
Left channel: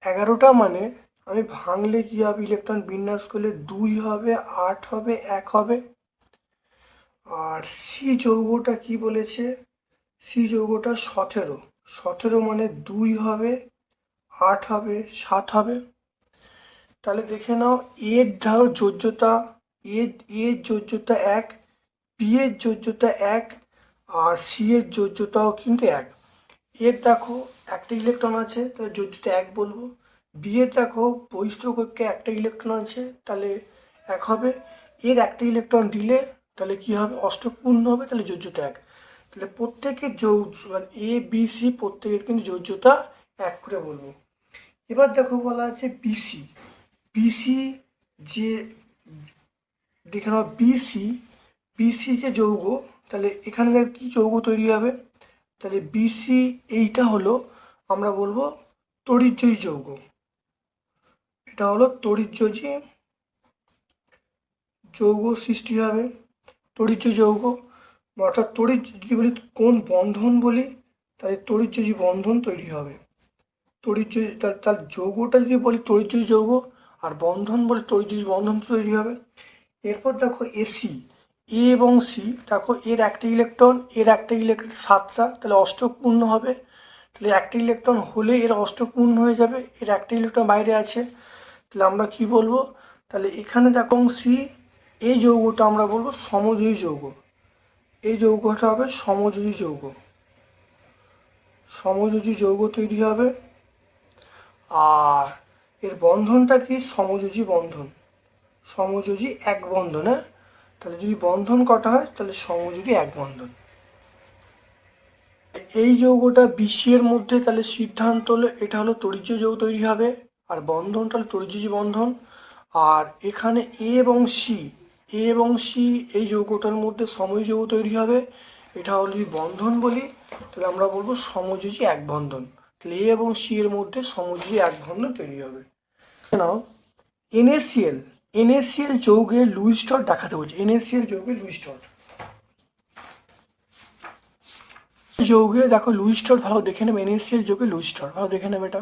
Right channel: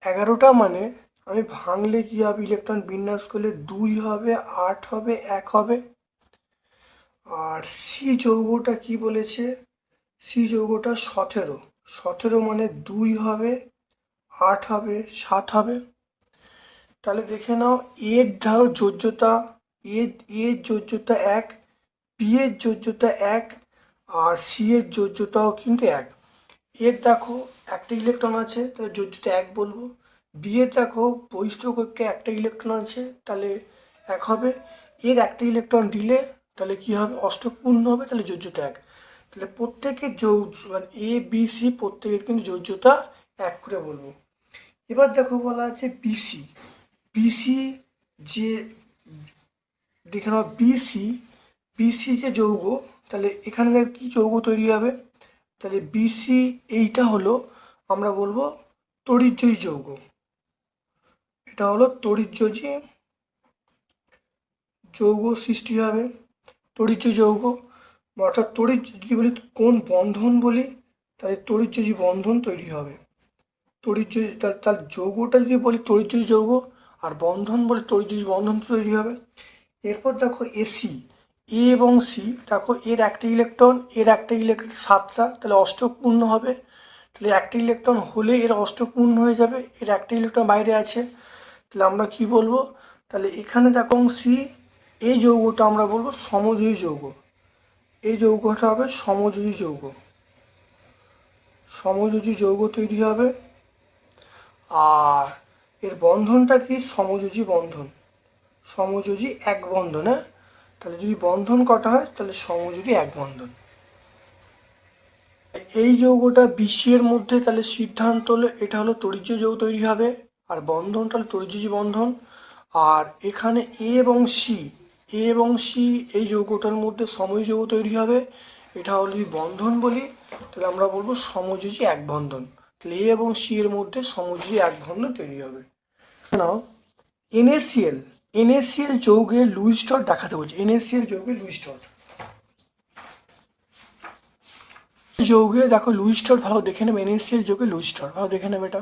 11টা মানে আমি ভাঙলে কি হবে, ইলেকট্রন বিন্যাস করলে 2 হবে, 8 হবে, 1 হবে। আর সি যৌগটা কি বলেছে, সি যৌগটা 17 মানে 2 হবে, 8 হবে, 7 হবে। তাহলে দেখে নাও এর ধরো যোজ্যতা, এর যোজ্যতা 1, বি এর যোজ্যতা 1, আর সি এর যোজ্যতাও কিন্তু 1। এর দেখো একটা ইলেকট্রন আছে, তাহলে যোজ্যতা 1 বলবো। বি এর দেখো বহিস্থ কক্ষে একটা ইলেকট্রন আছে, তাহলে 1 হবে। এর একটা ইলেকট্রন দিলে তাহলে কি হবে, অষ্টক পূর্ণ হবে, তাহলে যোজ্যতা 1। তাহলে প্রত্যেকের মানে এ বি সি প্রত্যেকের কিন্তু যোজ্যতা 1 করে বলবো। এবার দেখো বলা আছে বিসি, বিসি যে দেখে নাও বিসি যে যৌগ, তাহলে এখানে কি যৌগ তৈরি হবে, তাহলে বিসি এইটা হলো আমরা বলবো তড়িৎজয়ী যৌগ, এটা হলো তড়িৎজয়ী যৌগ সৃষ্টি হবে, তড়িৎজয়ী যৌগ। অর্থাৎ তড়িৎ যদি বলি কোন বন্ধন বলি, তাহলে তড়িৎজয়ী বন্ধন তৈরি হবে, তড়িৎজয়ী তার যৌগটা যদি বলি তড়িৎজয়ী যৌগ, আর বন্ধন বলে তড়িৎজয়ী বন্ধন তৈরি হবে। এরপর দেখো এসি, এ এবং সি দেখো এর একটা ইলেকট্রন, এর একটা ইলেকট্রন 7টা, তাহলে অষ্টক পূর্ণ হবে, তাহলে একটা ইলেকট্রন হলে এর অষ্টক পূর্ণ হয়ে যাবে, এর একটা ইলেকট্রন বাইরে আছে, তাহলে আমরা কি বলবো, তাহলে এখানে দেখো সি, এই যৌগটা আমরা বলবো সমযোজী যৌগ, এই যৌগটা হবে সমযোজী যৌগ, সমযোজী যৌগ তৈরি হবে। আর এর বন্ধনটা কি, সমযোজী বন্ধন, সমযোজী এক বন্ধন, হ্যাঁ, তাহলে যদি বন্ধন কটা হয় তাহলে সমযোজী এক বন্ধন। এই যৌগটা বিশের মধ্যে, তাহলে সিদ্ধান্ত হলো এটা হলো তড়িৎজয়ী যৌগ তৈরি হবে, আর বন্ধনটা হলো তড়িৎজয়ী বন্ধন। আর এখানে এ এবং সি, এ এবং সি এই যৌগটার মধ্যে সমযোজী যৌগ তৈরি হবে, এটা হলো যদি বন্ধন বলি তাহলে আমরা বলবো সমযোজী এক বন্ধন। তাহলে এ এবং সি এর মধ্যে সমযোজী এক বন্ধন তৈরি হবে। নাও NaCl NaCl যৌগের লুইস স্তর দেখাতে বলছি। NaCl যৌগের লুইস স্তর, যৌগে দেখো লুইস স্তর ভালো দেখে নেবে। NaCl যৌগের লুইস স্তর ভালো দেখে নেবে, এটা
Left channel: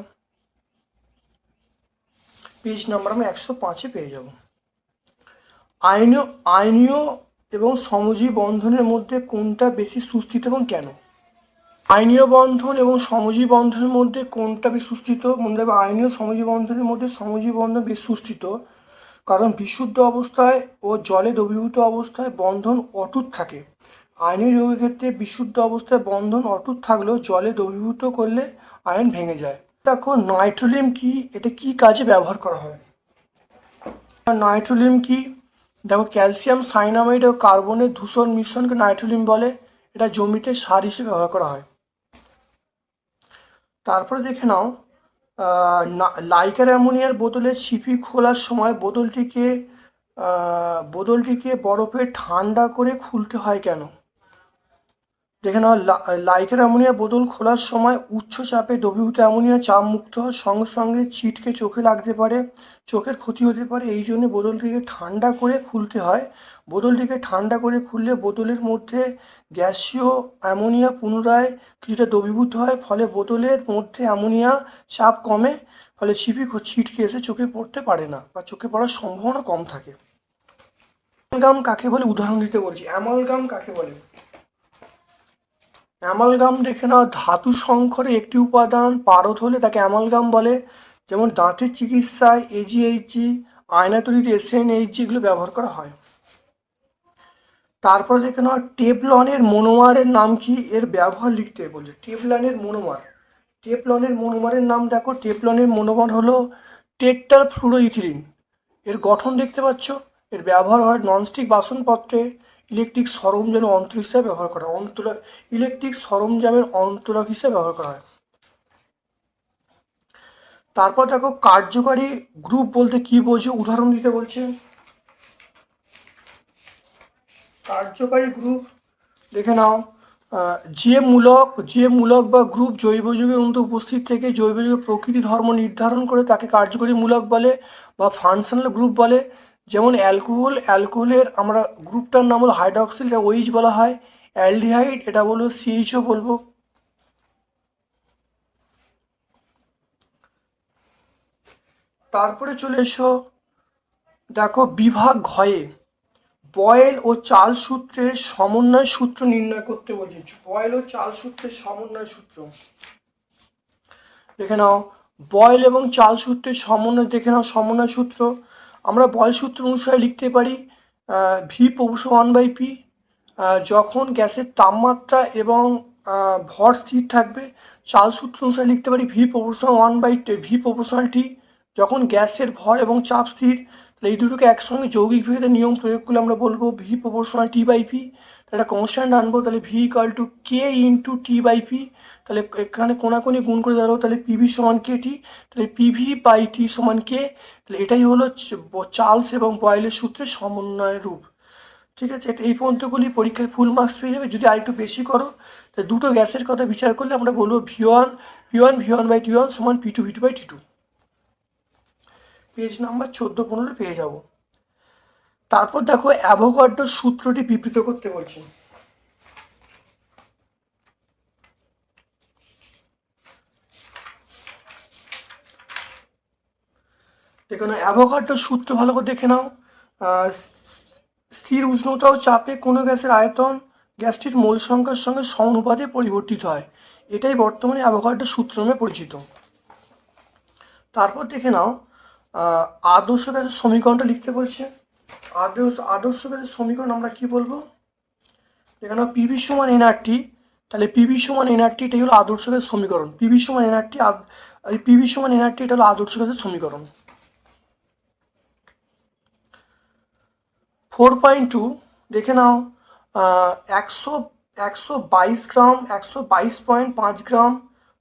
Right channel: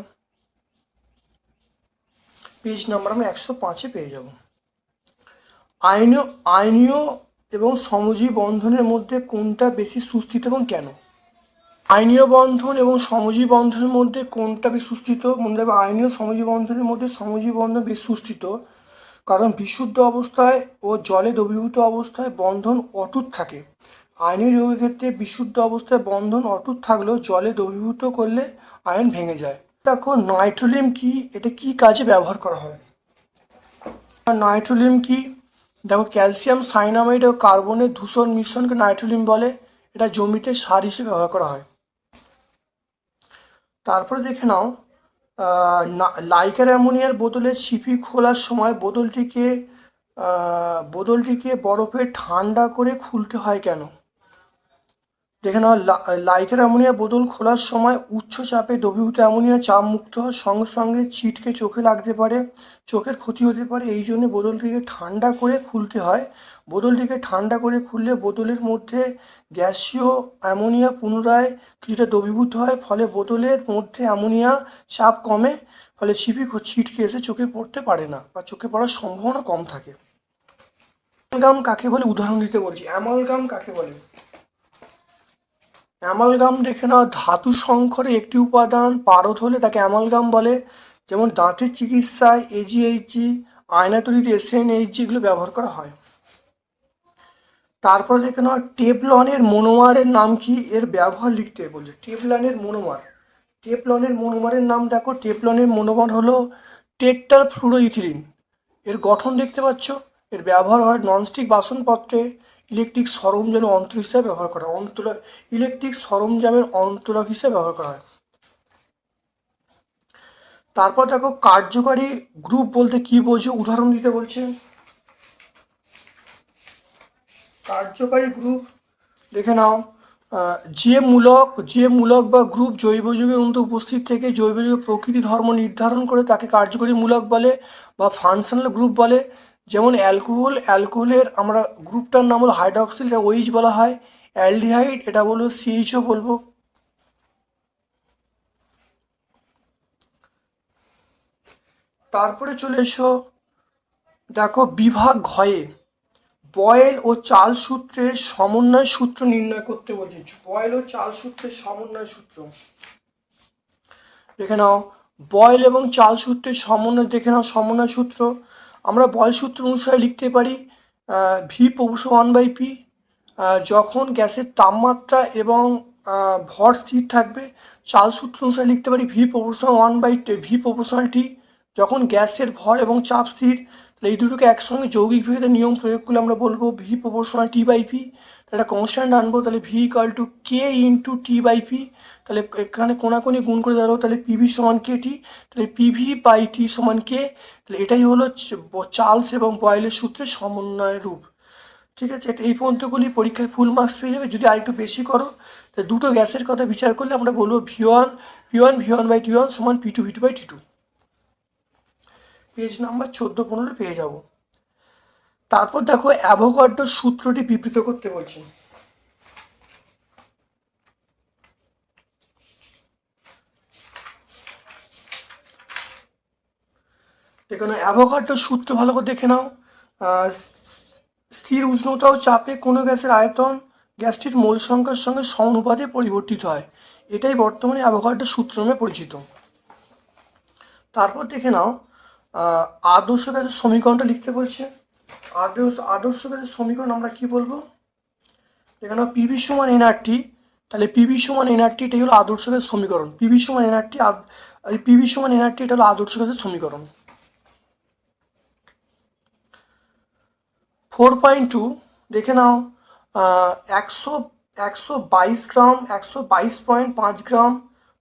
পেজ নাম্বার আমরা 105-এ পেয়ে যাব। আয়নীয় এবং সমযোজী বন্ধনের মধ্যে কোনটা বেশি সুস্থিত এবং কেন? আয়নীয় বন্ধন এবং সমযোজী বন্ধনের মধ্যে কোনটা বেশি সুস্থিত? মনে রাখবে আয়নীয় সমযোজী বন্ধনের মধ্যে সমযোজী বন্ধন বেশি সুস্থিত, কারণ বিশুদ্ধ অবস্থায় ও জলে দ্রবীভূত অবস্থায় বন্ধন অটুট থাকে। আয়নীয় যৌগের ক্ষেত্রে বিশুদ্ধ অবস্থায় বন্ধন অটুট থাকলেও জলে দ্রবীভূত করলে আয়ন ভেঙে যায়। দেখো নাইট্রোলিয়াম কি, এটা কি কাজে ব্যবহার করা হয়? নাইট্রোলিয়াম কি? দেখো ক্যালসিয়াম সাইনামাইড ও কার্বনের ধূসর মিশ্রণকে নাইট্রোলিয়াম বলে, এটা জমিতে সার হিসেবে ব্যবহার করা হয়। তারপরে দেখে নাও লাইকার অ্যামোনিয়ার বোতলের ছিপি খোলার সময় বোতলটিকে বরফে ঠান্ডা করে খুলতে হয় কেন? দেখে নাও লাইকার অ্যামোনিয়া বোতল খোলার সময় উচ্চ চাপে দ্রবীভূত অ্যামোনিয়া চাপ মুক্ত হওয়ার সঙ্গে সঙ্গে ছিটকে চোখে লাগতে পারে, চোখের ক্ষতি হতে পারে, এই জন্য বোতলটিকে ঠান্ডা করে খুলতে হয়। বোতলটিকে ঠান্ডা করে খুললে বোতলের মধ্যে গ্যাসীয় অ্যামোনিয়া পুনরায় কিছুটা দ্রবীভূত হয়, ফলে বোতলের মধ্যে অ্যামোনিয়া চাপ কমে, ফলে ছিটকে এসে চোখে পড়তে পারে না বা চোখে পড়ার সম্ভাবনা কম থাকে। অ্যামালগাম কাকে বলে উদাহরণ দিতে বলছি। অ্যামালগাম কাকে বলে? অ্যামালগাম দেখে নাও ধাতু সংকরের একটি উপাদান পারদ হলে তাকে অ্যামালগাম বলে। যেমন দাঁতের চিকিৎসায় AgHg, আয়না তৈরিতে SnHg এগুলো ব্যবহার করা হয়। তারপর দেখে নাও টেফলনের মনোমারের নাম কি, এর ব্যবহার লিখতে বলছে। টেফলনের মনোমারের নাম দেখো, টেফলনের মনোমার হলো টেট্রাফ্লুরোইথিলিন। এর গঠন দেখতে পাচ্ছ। এর ব্যবহার হয় ননস্টিক বাসনপত্রে, ইলেকট্রিক সরঞ্জামের অন্তরক হিসেবে ব্যবহার করা হয়, ইলেকট্রিক সরঞ্জামের অন্তরক হিসেবে ব্যবহার করা হয়। তারপর দেখো কার্যকারী গ্রুপ বলতে কি বোঝো, উদাহরণ দিতে বলছে। কার্যকারী গ্রুপ দেখে নাও যে মূলক বা গ্রুপ জৈব যৌগের মধ্যে উপস্থিত থেকে জৈব যৌগের প্রকৃতি ধর্ম নির্ধারণ করে তাকে কার্যকরী মূলক বলে বা ফাংশনাল গ্রুপ বলে। যেমন অ্যালকোহলের আমরা গ্রুপটার নাম হলো হাইড্রক্সিল, এটা OH বলা হয়। অ্যালডিহাইড এটা বলবো CHO বলবো। তারপরে চলে এসো দেখো বিভাগ ঘয়ে বয়েল ও চাল সূত্রের সমন্বয় সূত্র নির্ণয় করতে বলছি। বয়েল ও চাল সূত্রের সমন্বয় সূত্র দেখে নাও। বয়েল এবং চাল সূত্রের সমন্বয় দেখে নাও। সমন্বয় সূত্র আমরা বয়েল সূত্র অনুসারে লিখতে পারি V/1/P। যখন গ্যাসের তাপমাত্রা এবং ভর স্থির থাকবে। চাল সূত্র অনুসারে লিখতে পারি V/1/T। যখন গ্যাসের ভর এবং চাপ স্থির, তাহলে এই দুটোকে একসঙ্গে যৌগিক ভেদে নিয়ম প্রয়োগ করলে আমরা বলবো V/T/P। তাহলে কনস্ট্যান্ট আনবো, তাহলে V = K × T/P। তাহলে এখানে কোনাকুনি গুণ করে দাঁড়াবো, তাহলে PV = KT, তাহলে PV/T = K। তাহলে এটাই হলো চার্লস এবং বয়েলের সূত্রের সমন্বয় রূপ। ঠিক আছে, এই পর্যন্তগুলি পরীক্ষায় ফুল মার্কস পেয়ে যাবে। যদি আরেকটু বেশি করো তাহলে দুটো গ্যাসের কথা বিচার করলে আমরা বলবো V1/T1 = P2/T2। পেজ নাম্বার 14-15 পেয়ে যাব। তারপর দেখো অ্যাভোগাড্রোর সূত্রটি বিবৃত করতে বলছি। দেখো অ্যাভোগাড্রোর সূত্র ভালো করে দেখে নাও। স্থির উষ্ণতা ও চাপে কোনো গ্যাসের আয়তন গ্যাসটির মোল সংখ্যার সঙ্গে সমানুপাতে পরিবর্তিত হয়। এটাই বর্তমানে অ্যাভোগাড্রোর সূত্র নামে পরিচিত। তারপর দেখে নাও আদর্শ গ্যাসের সমীকরণটা লিখতে বলছে। আদর্শ গ্যাসের সমীকরণ আমরা কি বলবো? দেখে নাও PV = nRT। তাহলে PV = nRT, এটাই হলো আদর্শ গ্যাসের সমীকরণ। PV = nRT, এটা হলো আদর্শ গ্যাসের সমীকরণ। 4.2 দেখে নাও 122 গ্রাম 122.5 গ্রাম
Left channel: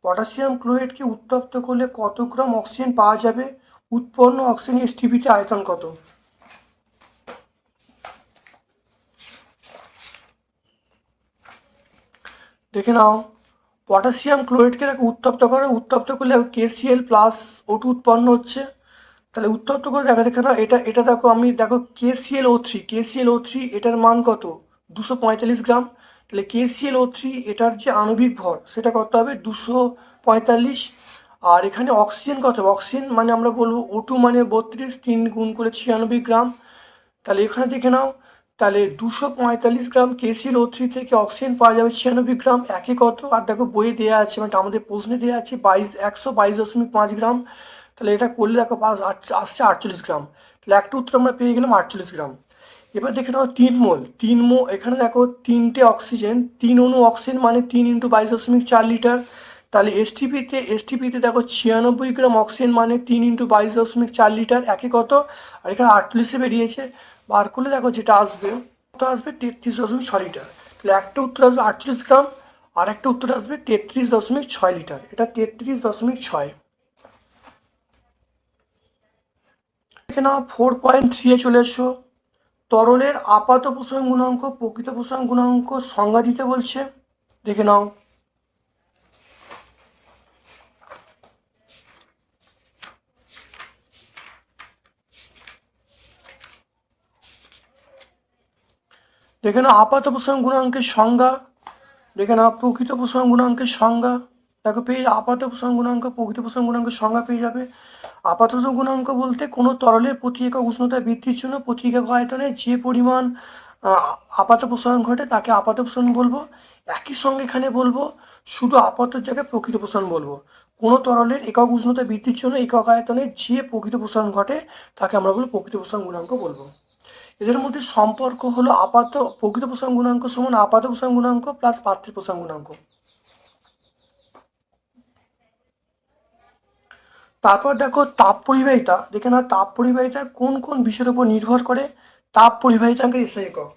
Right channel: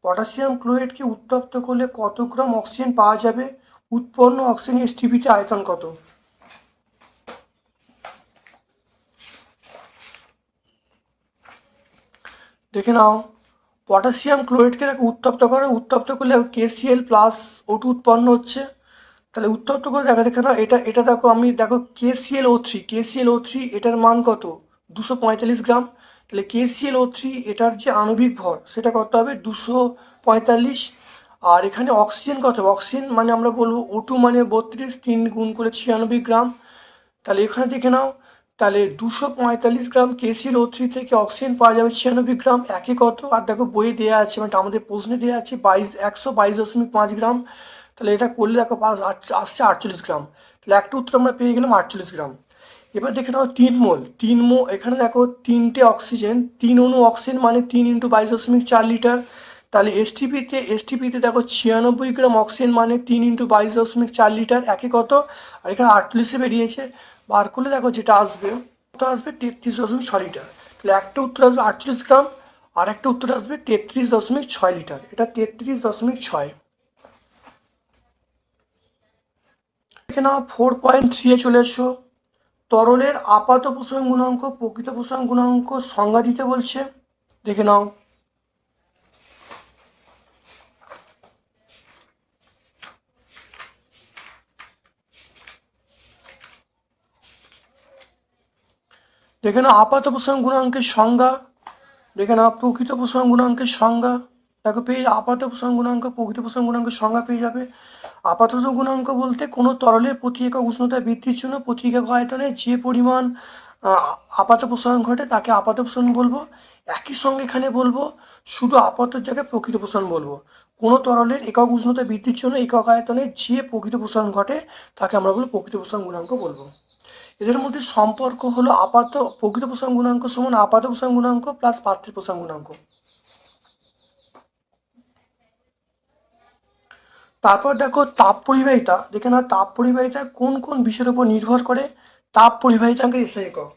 পটাশিয়াম ক্লোরাইডকে উত্তপ্ত করলে কত গ্রাম অক্সিজেন পাওয়া যাবে? উৎপন্ন অক্সিজেনের STPতে আয়তন কত? দেখে নাও, পটাশিয়াম ক্লোরাইডকে দেখো উত্তপ্ত করে, উত্তপ্ত করলে KCl প্লাস O2 উৎপন্ন হচ্ছে। তাহলে উত্তপ্ত করে দেখে নাও, এটা দেখো, আমি দেখো KClO3 এটার মান কত, 245 গ্রাম। তাহলে KClO3 এটার যে আণবিক ভর সেটা কত হবে, 245। আর এখানে অক্সিজেন কত, অক্সিজেন মানে আমরা বলবো O2 মানে 32, 3 গুণ করে 96 গ্রাম। তাহলে এখানে দেখে নাও, তাহলে 245 গ্রাম KClO3 থেকে অক্সিজেন পাওয়া যাবে 96 গ্রাম, একে কত, আর দেখো বইয়ে দেওয়া আছে, মানে আমাদের প্রশ্নে দেওয়া আছে 122.5 গ্রাম। তাহলে এটা করলে দেখো আসছে 48 গ্রাম। তাহলে একটা উত্তর আমরা পেয়ে গেলাম 48 গ্রাম। এবার দেখে নাও 3 মো, এখানে দেখো 3টে অক্সিজেন, 3 অণু অক্সিজেন মানে 3 × 22.4 লিটার। তাহলে এসটিপিতে দেখো 96 গ্রাম অক্সিজেন মানে 3 × 22.4 লিটার, একে কত, আর এখানে 48 বেরিয়েছে। বার করলে দেখো যেটা আসবে, ওটা আসবে 33.6 লিটার। তাহলে একটা উত্তর আসবে 48 গ্রাম, আর একটা উত্তর আসবে 33.6 লিটার। এটা 33.6। দেখে নাও 4.3 চলে এসো। তরলের আপাত প্রসারণ গুণাঙ্ক, প্রকৃত প্রসারণ গুণাঙ্ক সংজ্ঞা দিতে বলছে। দেখে নাও, দেখে নাও আপাত প্রসারণ গুণাঙ্কের সংজ্ঞা, দেখে নাও প্রকৃত প্রসারণ গুণাঙ্কের সংজ্ঞা। দেখো পেয়ে আপাত প্রসারণ গুণাঙ্ক, প্রকৃত প্রসারণ গুণাঙ্কের সংজ্ঞা পেয়ে যাবে। আপাত প্রসারণ গুণাঙ্ক বলতে কোনো তরলের প্রতি একক উষ্ণতা বৃদ্ধির জন্য প্রতি একক আয়তনে যে পরিমাণ আপাত প্রসারণ ঘটে তাকে আপাত প্রসারণ বলবো। একই সঙ্গে এখানে বলবো শুধু আপাতর জায়গায় প্রকৃত প্রসারণ বলবো। কোনো তরলের একক উষ্ণতা বৃদ্ধির জন্য একক আয়তনে যে প্রকৃত প্রসারণ ঘটে তাকে আমরা বলবো প্রকৃত প্রসারণ গুণাঙ্ক বলবো। এদের মধ্যে সম্পর্ক হলো প্রকৃত প্রসারণ গুণাঙ্ক সমান আপাত প্রসারণ গুণাঙ্ক প্লাস পাত্রী প্রসারণ গুণাঙ্ক। তারপর দেখো তাপ পরিবাহিতা, দেখে না তাপ পরিবাহিতা কোন কোন বিষয়ের উপর নির্ভর করে। তাপ পরিবাহিতাকে এসআই একক,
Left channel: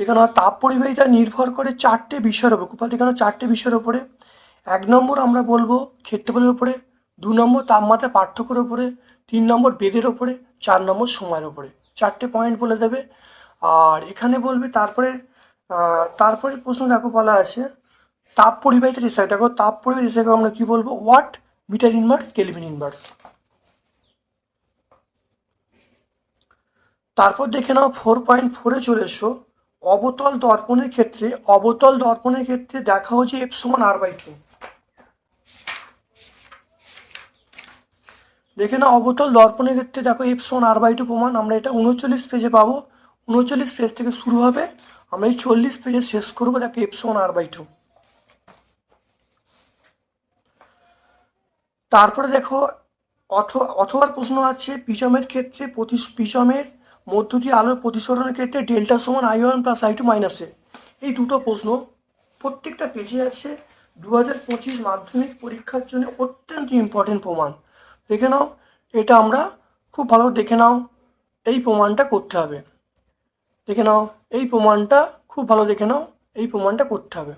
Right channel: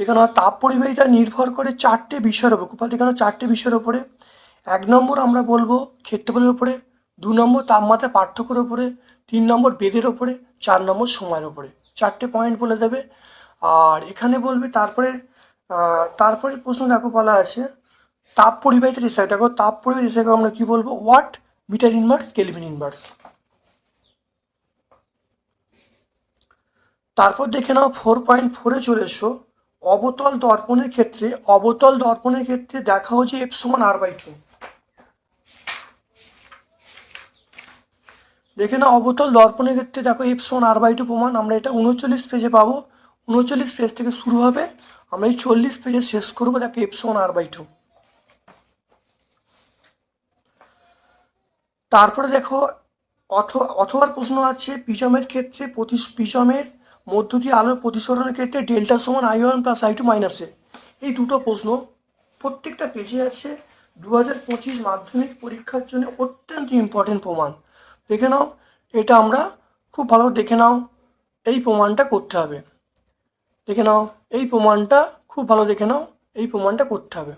এখানে তাপ পরিবাহিতা নির্ভর করে 4টে বিষয়ের উপর। গোপাল এখানে 4টে বিষয়ের উপরে। 1 নম্বর আমরা বলবো ক্ষেত্রফলের উপরে, 2 নম্বর তাপমাত্রা পার্থক্যের উপরে, 3 নম্বর বেগের উপরে, 4 নম্বর সময়ের উপরে। 4টে পয়েন্ট বলে দেবে। আর এখানে বলবে তারপরে প্রশ্ন দেখো বলা আছে তাপ পরিবাহিতার এসআই। দেখো তাপ পরিবাহিতার এসআই আমরা কি বলবো, watt, metre inverse, kelvin inverse. তারপর দেখে নাও 4.4-এ চলে এসো। অবতল দর্পণের ক্ষেত্রে দেখা হচ্ছে F=R/2। দেখে নাও অবতল দর্পণের ক্ষেত্রে দেখো F=R/2 প্রমাণ আমরা এটা 39 পেজে পাবো। 39 পেজ থেকে শুরু হবে, আমরা এই 40 পেজে শেষ করবো। দেখো F=R/2। তারপরে দেখো অথবা প্রশ্ন আছে প্রিজমের ক্ষেত্রে প্রিজমের মধ্য দিয়ে আলোর প্রতিসরণের ক্ষেত্রে ডেল্টা=I1 + I2 - এই দুটো প্রশ্ন প্রত্যেকটা পেজে আছে। 2025 মাধ্যমিক পরীক্ষার জন্য অত্যন্ত ইম্পর্টেন্ট প্রমাণ। দেখে নাও, এটা আমরা খুব ভালো দেখে নাও, এই প্রমাণটা করতে হবে। দেখে নাও এই প্রমাণটা খুব ভালো দেখে নাও, এই প্রমাণটা করতে হবে।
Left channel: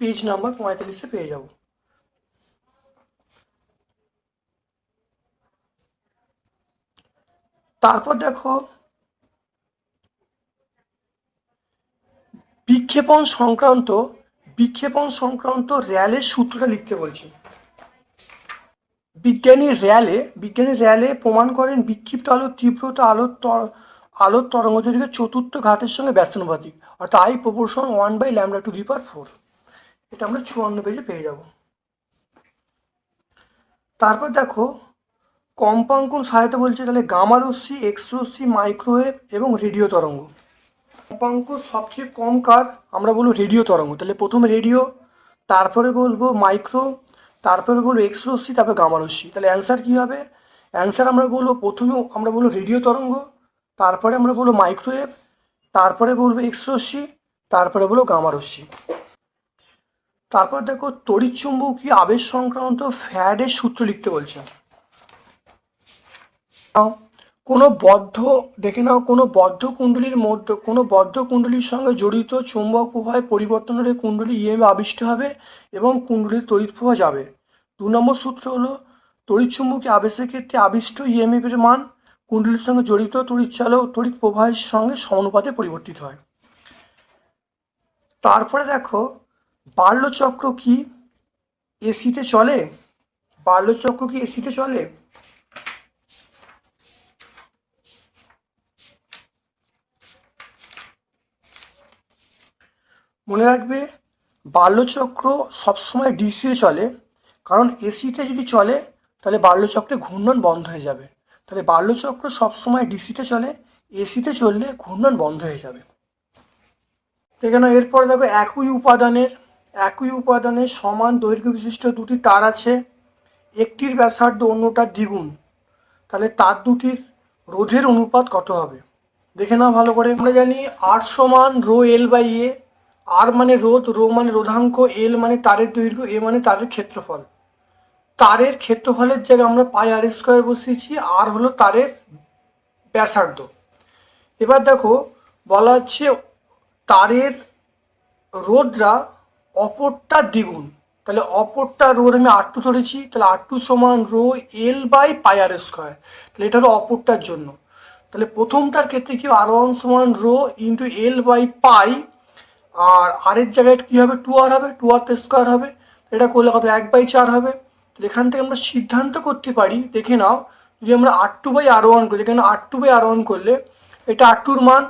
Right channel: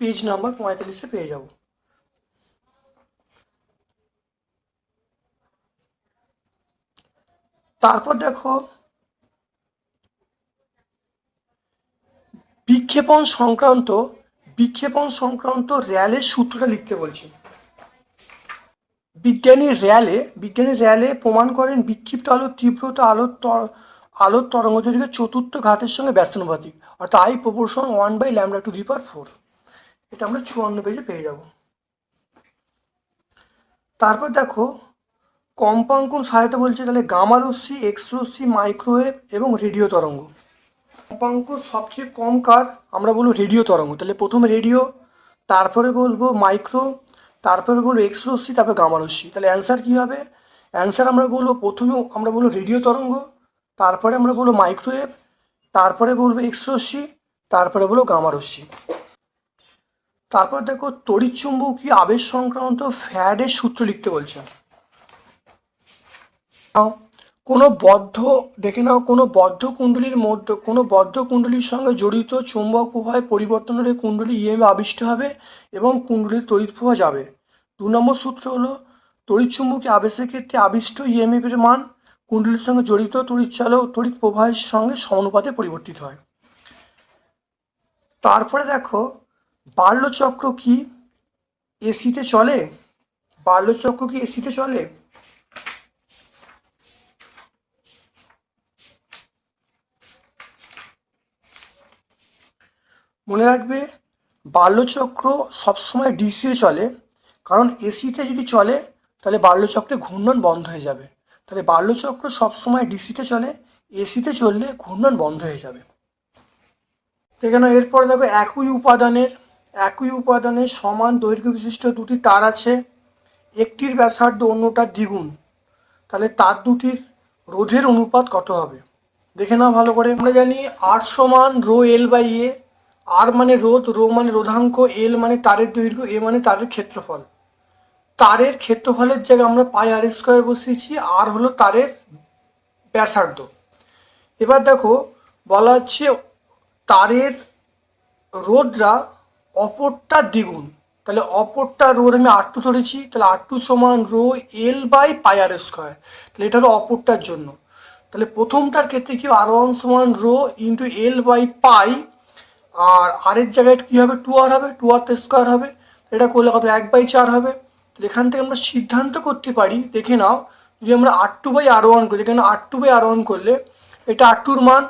পেজ নাম্বার 45-এ পেয়ে যাবো। তারপর দেখো বিক্ষেপণ সংক্রান্ত র্যালের সূত্রটা লিখতে বলছে। বিজ্ঞানী র্যালে প্রমাণ করেন বিক্ষিপ্ত আলোর তীব্রতা আলোর তরঙ্গদৈর্ঘ্যের চতুর্থ ঘাতের সঙ্গে ব্যস্তানুপাতিক, অর্থাৎ I=1/λ⁴। এটা আমরা 54 পেজে পেয়ে যাব। তারপর দেখো কম্পাঙ্কন সহায়তা বলছে, তাহলে গামা রশ্মি, এক্স রশ্মি, মাইক্রোওয়েভ এবং রেডিও তরঙ্গ। কম্পাঙ্ক সবচেয়ে কম কার, আমরা বলবো রেডিও তরঙ্গ। তাহলে প্রথমে রেডিও, তারপরে বলবো মাইক্রো, তারপরে বলবো এক্স রশ্মি, তারপরে গামা রশ্মি। তাহলে অ্যান্সার কী হবে, অ্যান্সার আমরা বলবো প্রথমে আমরা বলবো রেডিও তরঙ্গ, তারপরে আমরা বলবো মাইক্রোওয়েভ, তারপরে বলবো এক্স রশ্মি, তারপরে বলবো গামা রশ্মি। তারপর দেখো তড়িৎচুম্বকীয় আবেশ সংক্রান্ত ফ্যারাডের সূত্র লিখতে বলছে। কোনো বদ্ধ কুণ্ডলীর সঙ্গে জড়িত চৌম্বক প্রবাহের পরিবর্তনের কুণ্ডলী ইএমএফ আবিষ্ট হবে এবং কুণ্ডলীর তড়িৎ প্রবাহ যাবে। 2 নম্বর সূত্র হলো তড়িৎচুম্বকীয় আবেশের ক্ষেত্রে আবিষ্ট ইএমএফ এর মান কুণ্ডলীর সঙ্গে জড়িত তড়িৎ প্রবাহের সঙ্গে সমানুপাতে পরিবর্তিত হয়। তারপরে দেখো বার্লোচক্র কি এসিতে চলে? বার্লোচক্র কি এসিতে চলে? মনে রাখবে বার্লোচক্র সবসময় ডিসিতে চলে, কারণ এসিতে যদি চলে তাহলে বার্লোচক্রে ঘূর্ণন বন্ধ হয়ে যাবে। তাহলে বার্লোচক্র সবসময় ডিসিতে চলে, এসিতে চললে ঘূর্ণন বন্ধ হয়ে যাবে। এখানে এরপরে দেখো একই উপাদানের সমান দৈর্ঘ্য বিশিষ্ট দুটি তার আছে, একটির ব্যাসার্ধ অন্যটার দ্বিগুণ, তাহলে তার দুটির রোধের অনুপাত কত হবে? দেখে নাও ভালো করে। আমরা জানি আর সমান রো এল বাই এ। আর মানে রোধ, রো মানে রোধাঙ্ক, এল মানে তারের দৈর্ঘ্য, এ মানে তারের ক্ষেত্রফল। তারের ক্ষেত্রফলের জায়গায় আমরা পাই আর স্কোয়ার বসিয়েছি, আর হলো তারের ব্যাসার্ধ। এবার দেখো বলা হচ্ছে তারের রোধটা অপরটার দ্বিগুণ, তাহলে অপরটার রোধ আমি আর টু ধরেছি, তাহলে আর টু সমান rho L by pi r square, তাহলে এটা হলো অপরটার জন্য। তাহলে প্রথমটার ক্ষেত্রে কি আর ওয়ান সমান rho into L by pi, আর আরের জায়গায় কী হবে, টু আর হবে, টু আর স্কোয়ার হবে, এটা করলে কত 1/4 হবে। এখান থেকে আমরা সিদ্ধান্ত করতে পারি, দেখে নাও, যদি আমরা আর টু বাই আর ওয়ান করি, এখানে আর টু বাই আর ওয়ান করলে এটা আর টুর মান,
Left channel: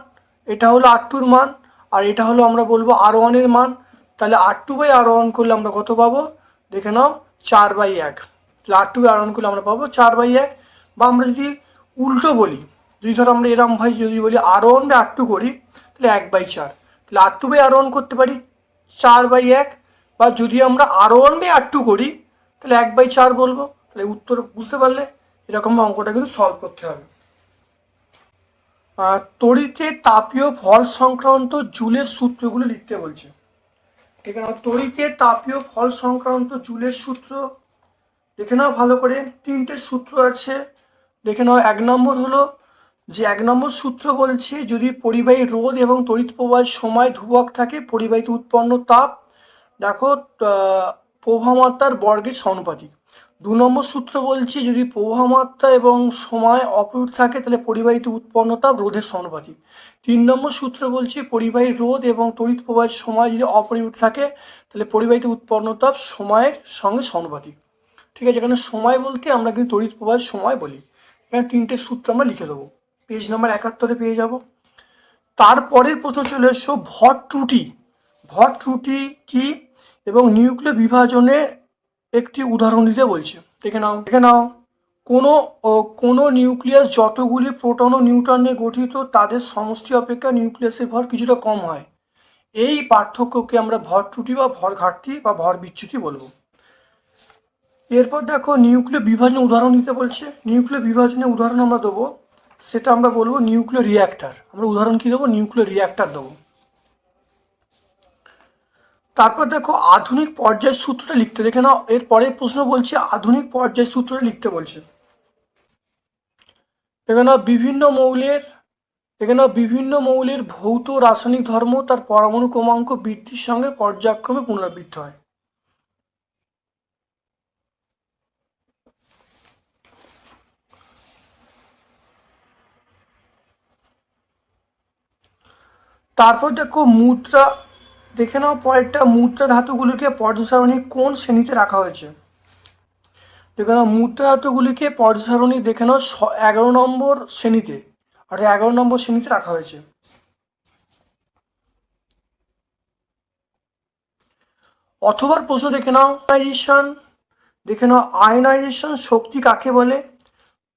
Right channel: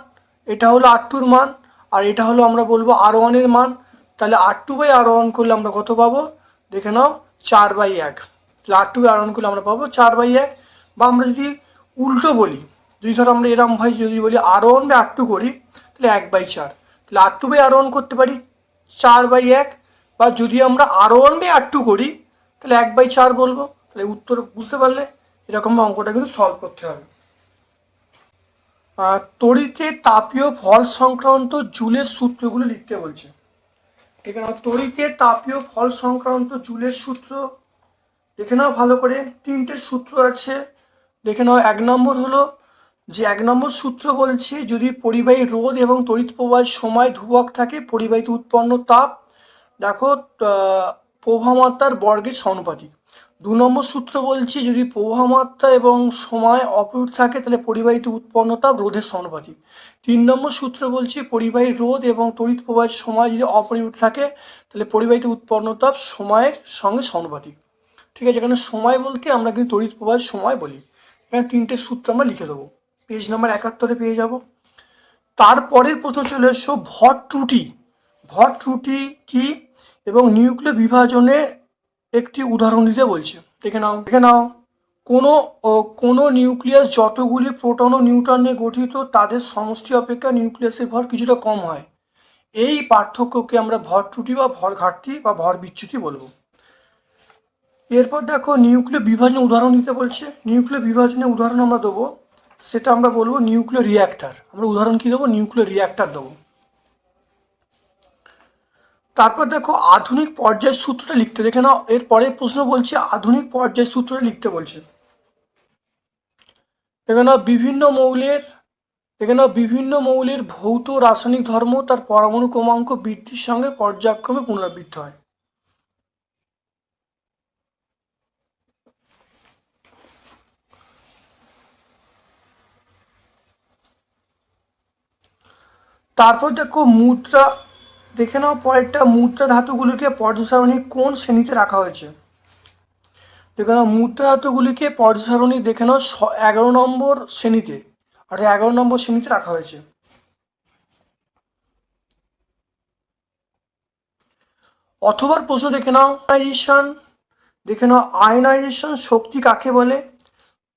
এটা হলো আর টুর মান, আর এটা হলো আমরা বলবো আর ওয়ানের মান। তাহলে r two by R one করলে আমরা কত পাবো, দেখে নাও 4/1। তাহলে r two by R one করলে আমরা পাবো 4/1। বা আমরা যদি উল্টো বলি, যদি ধরো আমরা এরম ভাই যদি বলি আর ওয়ান বাই আর টু করি, তাহলে 1/4। তাহলে r two by R one করতে পারি 4/1, বা যদি আমরা আর ওয়ান বাই আর টু করি তাহলে 1/4 বলবো। তাহলে উত্তর বুঝতে পারলে, এরকম অঙ্কটা কিন্তু সলভ করতে হবে। তড়িতে তাপীয় ফল সংক্রান্ত জুলের সূত্রগুলো লিখতে বলছে। এখানে তড়িতে তাপীয় ফল সংক্রান্ত জুলের সূত্র দেখে নাও ভালো করে। তিনটে সূত্র আছে, দেখে নাও। এক নম্বর সূত্র বলছে যদি পরিবাহী রোধ এবং তড়িৎ প্রবাহের সময় ধ্রুবক থাকে, পরিবাহীতে উৎপন্ন তাপ দেখো প্রবাহমাত্রার বর্গের সমানুপাতিক। 2 নম্বর সূত্র বলছি যদি প্রবাহমাত্রা এবং সময় অপরিবর্তিত থাকে তাহলে পরিবাহীতে উৎপন্ন তাপ রোধের সমানুপাতিক। 3 নম্বর সূত্র বলছি পরিবাহী রোধ এবং তড়িৎ প্রবাহের সময় যদি অপরিবর্তিত থাকে তাহলে পরিবাহীতে উৎপন্ন তাপ সময়ের সঙ্গে সমানুপাতিক। ঠিক আছে, এখানে সময় বলতে আমরা কিন্তু তড়িৎ প্রবাহের সময় বলি। এখানে তিনটে সূত্র আমরা লিখে দেবো, পেজ নাম্বার 71 পেয়ে যাব। তারপরের প্রশ্ন চলে এসো ভর ত্রুটি। ভর ত্রুটি কি এবং নিউক্লিয় বিভাজনে একটি উদাহরণ দিতে বলছে। দেখে নাও কোনো নিউক্লিয়াস যতগুলি প্রোটন ও নিউট্রন নিয়ে গঠিত তাদের সমষ্টি অপেক্ষা নিউক্লিয়াসের ভর কিছুটা কম হয়। এই পার্থক্যকে আমরা ভর ত্রুটি বা ভর ঘাটতি বা ভর বিচ্যুতি বলবো। এরপর দেখো নিউক্লিয় বিভাজনের উদাহরণ দিতে বলছে। নিউক্লিয় বিভাজনের উদাহরণ আমরা দেবো, সেটা আমরা বলবো নিউক্লিয় রিঅ্যাক্টর। আমরা উদাহরণ কি দেবো, নিউক্লিয় রিঅ্যাক্টর দেবো। তারপর দেখো আধুনিক পর্যায় সূত্রটা লিখতে, দেখে নাও এর পরের প্রশ্ন বলছে আধুনিক পর্যায় সূত্রটা লিখতে বলছে। বিভিন্ন মৌলের ভৌত রাসায়নিক ধর্ম তার পরমাণু ক্রমাঙ্ক বৃদ্ধির সঙ্গে পর্যায়ক্রমে পুনরাবৃত্ত হয়। তারপর দেখে নাও পরেরটা মুদ্রা ধাতুগুলিকে পর্যায় সারণী কোন শ্রেণীতে রাখা হয়েছে। দেখে নাও মুদ্রা ধাতুগুলিকে পর্যায় সারণী দেখে নাও 11 নম্বর শ্রেণীতে, আর 11 নম্বর শ্রেণীতে রাখা হয়েছে। অথবা প্রশ্ন দেখে নাও আয়নাইজেশন শক্তি কাকে বলে।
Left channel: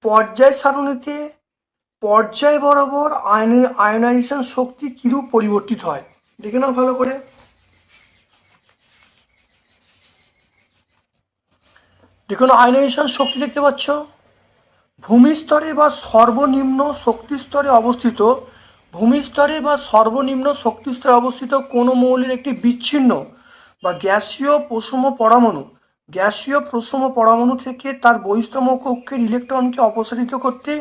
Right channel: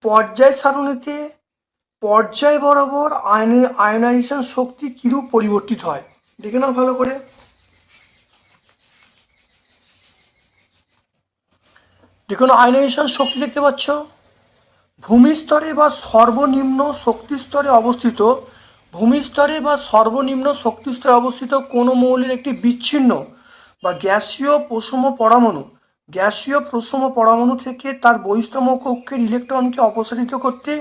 পর্যায় সারণীতে পর্যায় বরাবর আয়নাইজেশন শক্তি কিরূপ পরিবর্তিত হয়, দেখে নাও ভালো করে। দেখুন আয়নাইজেশন শক্তি দেখতে পাচ্ছ, ভূমিস্তরে বা সর্বনিম্ন শক্তিস্তরে অবস্থিত কোনো মৌলের একটি বিচ্ছিন্ন বা গ্যাসীয় প্রশম পরমাণু থেকে তার বহিস্তম কক্ষের ইলেকট্রনকে অপসারিত করতে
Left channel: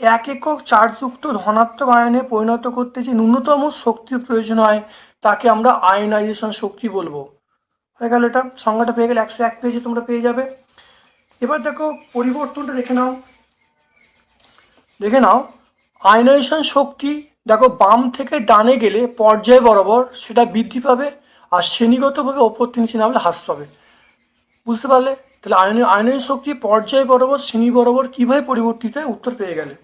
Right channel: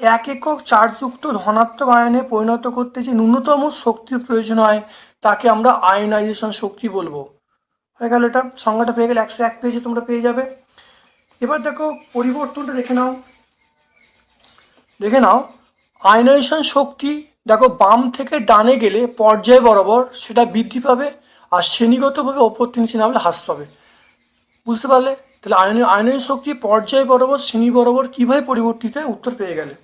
এক একক চার্জযুক্ত ধনাত্মক আয়নে পরিণত করতে যে ন্যূনতম শক্তির প্রয়োজন হয় তাকে আমরা আয়নাইজেশন শক্তি বলবো। হয়ে গেল, এটা সংজ্ঞাটা পেয়ে গেলে 101 পেজে তোমরা পেয়ে যাবে। এবার দেখো পরিবর্তনটা দেখে নাও আয়নাইজেশন শক্তি দেখো বাম থেকে ডানে গেলে পর্যায় বরাবর সেটা বৃদ্ধি পাবে, আর শ্রেণীগতভাবে ওপর থেকে নিচে নামলে হ্রাস পাবে। বুঝতে পারলে? তাহলে আয়নীয় শক্তি পর্যায় বরাবর শ্রেণী বরাবর কিভাবে পরিবর্তিত হয়, উত্তর পেয়ে গেলে।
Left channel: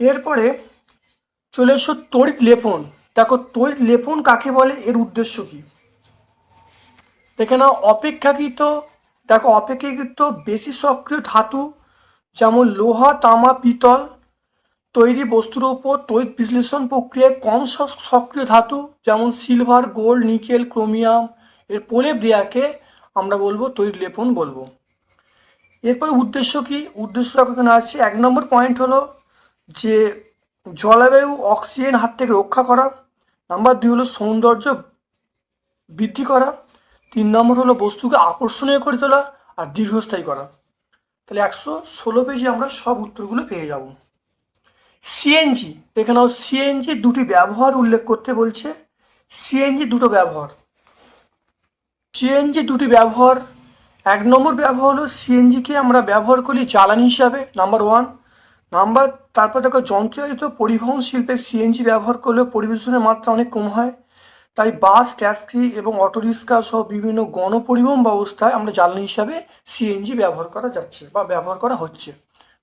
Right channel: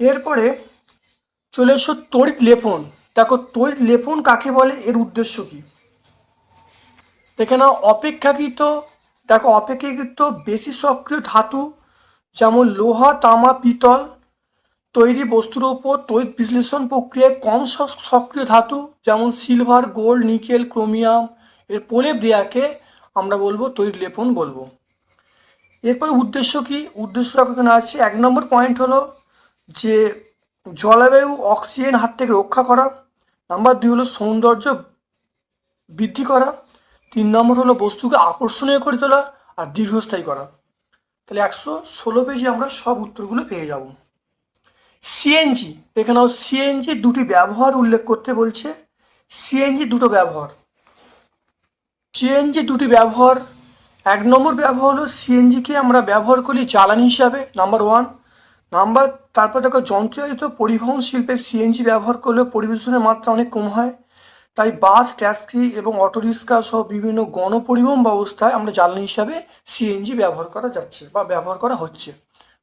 এরপরে চলে এসো তড়িৎ লেপন। দেখো তড়িৎ লেপন কাকে বলে, এর উদ্দেশ্য কি? এখানে অপেক্ষাকৃত বেশি সক্রিয় ধাতু যেমন লোহা, তামা, পিতল তৈরি বস্তুর উপর তড়িৎ বিশ্লেষণ প্রক্রিয়ায় কম সক্রিয় ধাতু যেমন সিলভার, গোল্ড, নিকেল, ক্রোমিয়াম এর প্রলেপ দেওয়াকে আমরা বলবো তড়িৎ লেপন বলবো। এরপরে উদ্দেশ্য কি? উদ্দেশ্য এখানে আছে, 1 নম্বর পয়েন্ট হলো যে জলবায়ু অক্সিজেন হাত থেকে রক্ষা করা। নাম্বার 2 হলো সৌন্দর্য বৃদ্ধি করা। 3 নম্বর হলো বস্তুকে আকর্ষণীয় করে তোলা আর দীর্ঘস্থায়ী করা। তাহলে 116 পেজে আমরা সব উত্তরগুলো পেয়ে যাব। সিএনজি, এখানেও সিএনজি দুটি ব্যবহার উল্লেখ করতে বলছে। সিএনজি দুটো ব্যবহার। সিএনজি দুটি ব্যবহার, 1 নম্বর ব্যবহার হলো সিএনজিকে আমরা ব্যবহার করি জ্বালানি হিসাবে, নাম্বার 1। তারপর দেখো যন্ত্রচালিত পরিবহন শিল্পে সিএনজি ব্যবহার করলে পরিবেশনের মাত্রা অনেক কম হয়, তাই বাস, ট্যাক্সি এবং অটোরিক্সা সহ বিভিন্ন গণপরিবহন ব্যবস্থায় আমরা জ্বালানি হিসাবে সিএনজি ব্যবহার করা যাচ্ছে বা ব্যবহার করা হচ্ছে।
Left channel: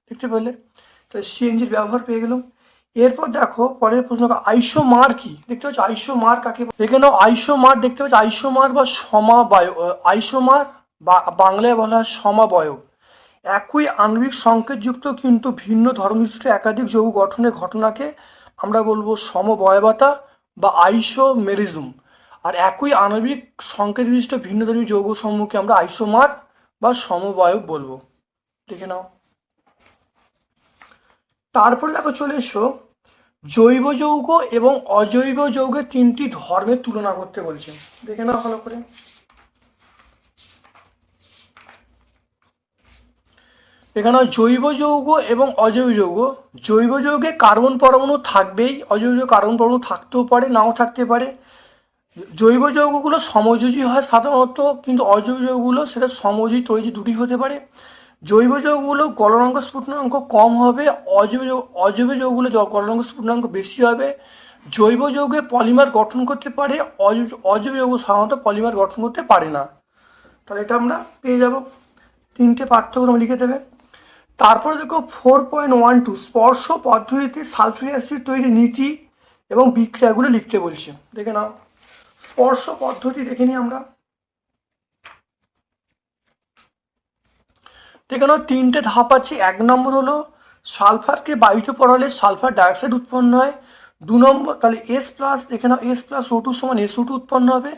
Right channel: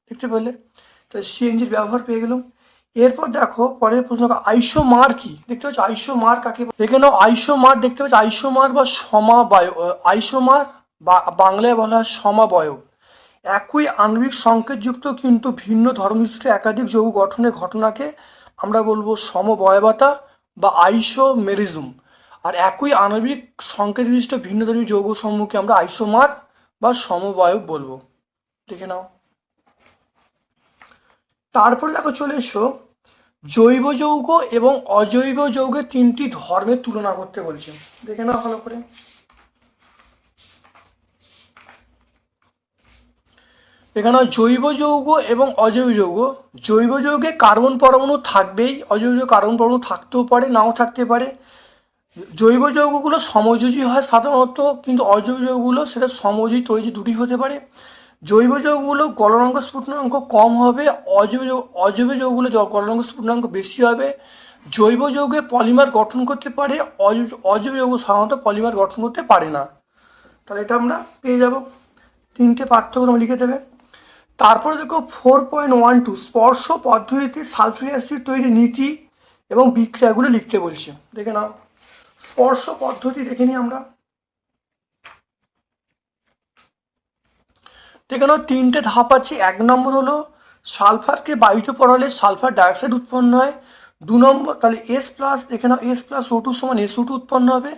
দেখতে পেলে? তাই সিএনজির ব্যবহার পেয়ে গেলাম। এরপর দেখো পরের প্রশ্ন, আইসোমার কি? দেখতে পাচ্ছ আইসোমার কাকে? এখানেও আইসোমার দেখতে পাচ্ছ, আইসোমার বা সমাবয়ব। আইসোমার বা বাংলায় বলা হয় সমবয়ব। একই আণবিক সংকেতযুক্ত কিন্তু ভিন্ন ধর্মবিশিষ্ট একাধিক যৌগ গঠনের ঘটনাকে আমরা বলবো সমবয়বতা বা আইসোমেরিজম। আর একই আণবিক সংকেত বিশিষ্ট ভিন্ন ধর্মী যৌগ সমূহকে আমরা আইসোমার বা সমবয়ব বলবো। দেখে নাও। তারপর দেখো চলে এসো জৈব যৌগ এবং অজৈব যৌগের 3টি ধর্মের তুলনা করতে বলছি। দেখে নাও ভালো করে। এখানে জৈব যৌগ এবং অজৈব যৌগ। জৈব যৌগে কার্বন পরমাণু থাকবেই, অজৈব যৌগে কার্বন পরমাণু থাকতেও পারে, নাও থাকতে পারে। জৈব যৌগগুলো সমযোজী হয় সাধারণত, কিন্তু অজৈব যৌগগুলো সেটা সমযোজী তৈরি দুটি হতে পারে। জৈব যৌগগুলো গলনাঙ্ক স্ফুটনাঙ্ক কম হবে, অজৈব যৌগগুলো গলনাঙ্ক স্ফুটনাঙ্ক বেশি হবে। জৈব যৌগে পলিমার গঠন করতে পারে, অজৈব যৌগ সাধারণত পলিমার গঠন করতে পারে না। তাহলে এটা আমরা পেয়ে যাব। 3টে পার্থক্য লিখে দেবে। তারপরে দেখো 4.12 স্পর্শ পদ্ধতিতে সালফিউরিক অ্যাসিড তৈরি নীতি এবং বিক্রিয়াগুলো লিখতে বলছে। দেখে নাও স্পর্শ পদ্ধতি দেখে নিই আমরা। দেখে নাও 3টে ধাপ আছে। 1 নম্বর হলো সালফারকে বায়ুতে পড়ালে সালফার ডাইঅক্সাইড উৎপন্ন হয়। 2 নম্বর, তাহলে এস প্লাস, দেখে নাও এস প্লাস ও টু সমান SO2 উৎপন্ন হবে।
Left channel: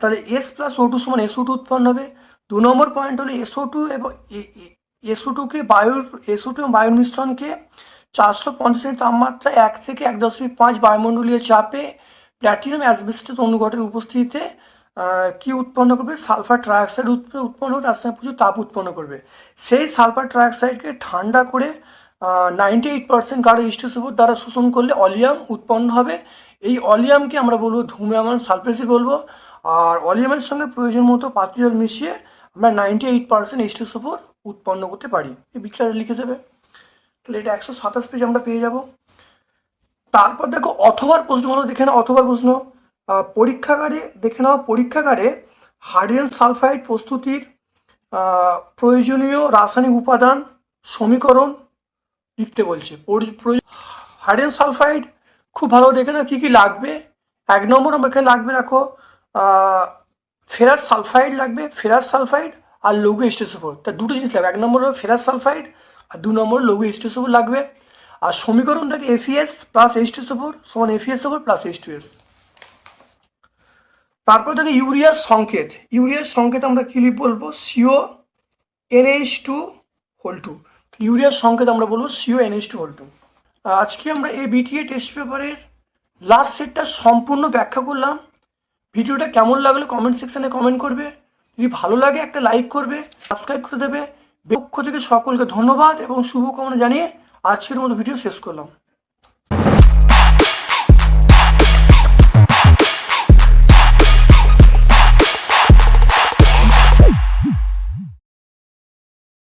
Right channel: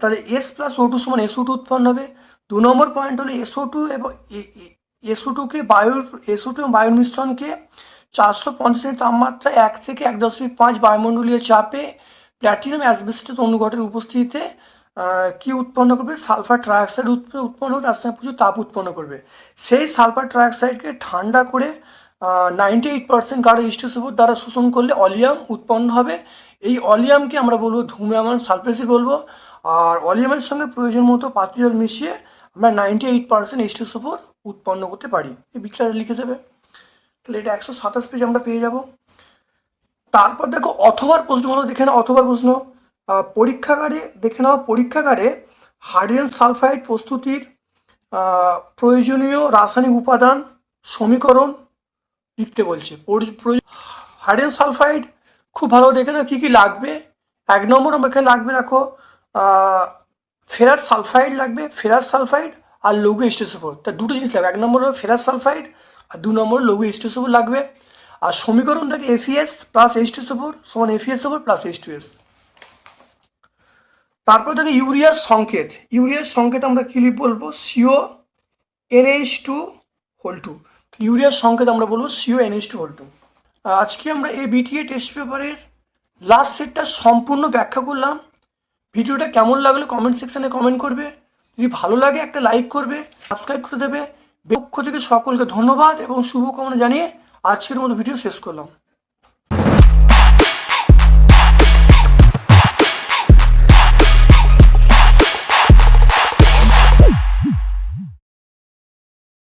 তাহলে এস প্লাস ও টু সমান SO2 উৎপন্ন হবে। 2 নম্বর পয়েন্ট হলো SO2 এবং SO2 এবং বায়ুর মিশ্রণকে 450 তাপমাত্রা 1 থেকে 1.5 বায়ুমণ্ডলীয় চাপে প্ল্যাটিনাম অ্যাসবেস্টস অনুঘটের উপস্থিতিতে কি উৎপন্ন করবে? সালফার ট্রাইঅক্সাইড উৎপন্ন করে, তার সঙ্গে প্রচুর তাপ উৎপন্ন করবে। সেই সালফার ট্রাইঅক্সাইডকে ঠান্ডা করে 98% গাঢ় H2SO4 দ্বারা শোষণ করলে অলিয়াম উৎপন্ন হবে। এই অলিয়ামকে আমরা বলবো ধূম্রমান সালফেট বলবো। আর অলিয়ামের সঙ্গে প্রয়োজন মতো পাত্রী জল মিশিয়ে আমরা 98% H2SO4 উৎপন্ন করতে পারি। এই বিক্রিয়াটা লিখে দেবে। তাহলে এটা 127 পেজ আমরা পেয়ে যাব। তারপর দেখো অথবার প্রশ্ন হলো, দেখে নাও অথবার প্রশ্ন। পরীক্ষাগারে দেখে নাও, পরীক্ষাগারে হাইড্রোজেন সালফাইড প্রস্তুতির প্রয়োজনীয় রাসায়নিক উপাদান সমীকরণ লিখতে বলছে। হাইড্রোজেন সালফাইড খুব ভালো দেখে নাও কী কী লাগবে। 1 নম্বর এখানে লাগবে, দেখো ফেরাস সালফাইড লাগবে, ফেরাস সালফাইড আর লঘু H2SO4। তার দুটো জিনিস লাগবে। 1 নম্বর হলো ফেরাস সালফাইড আর 2 নম্বর লঘু H2SO4 লাগবে। আর সমীকরণ থাকে FeS প্লাস H2SO4 সমান FeSO4 প্লাস H2S। তারপর থাকে ইউরিয়ার সংকেত। ইউরিয়ার সংকেত আমরা কি বলবো? CONH2 ইউরিয়ার সংকেত আমরা বলবো CONH2। আজকে আমরা এই বিটিএ টেস্ট পেপারের লাস্ট সেটটা সম্পূর্ণ ব্যাখ্যা করলাম। ভিডিওটা কেমন লাগলো কমেন্ট সেকশনে কমেন্ট করবে। যদি ভালো লাগে একটা লাইক করবে, সাবস্ক্রাইব করে দেবে। পক্ষ থেকে সকলকে ধন্যবাদ এবং শুভকামনা জানিয়ে আজকের মতো ভিডিও শেষ করলাম।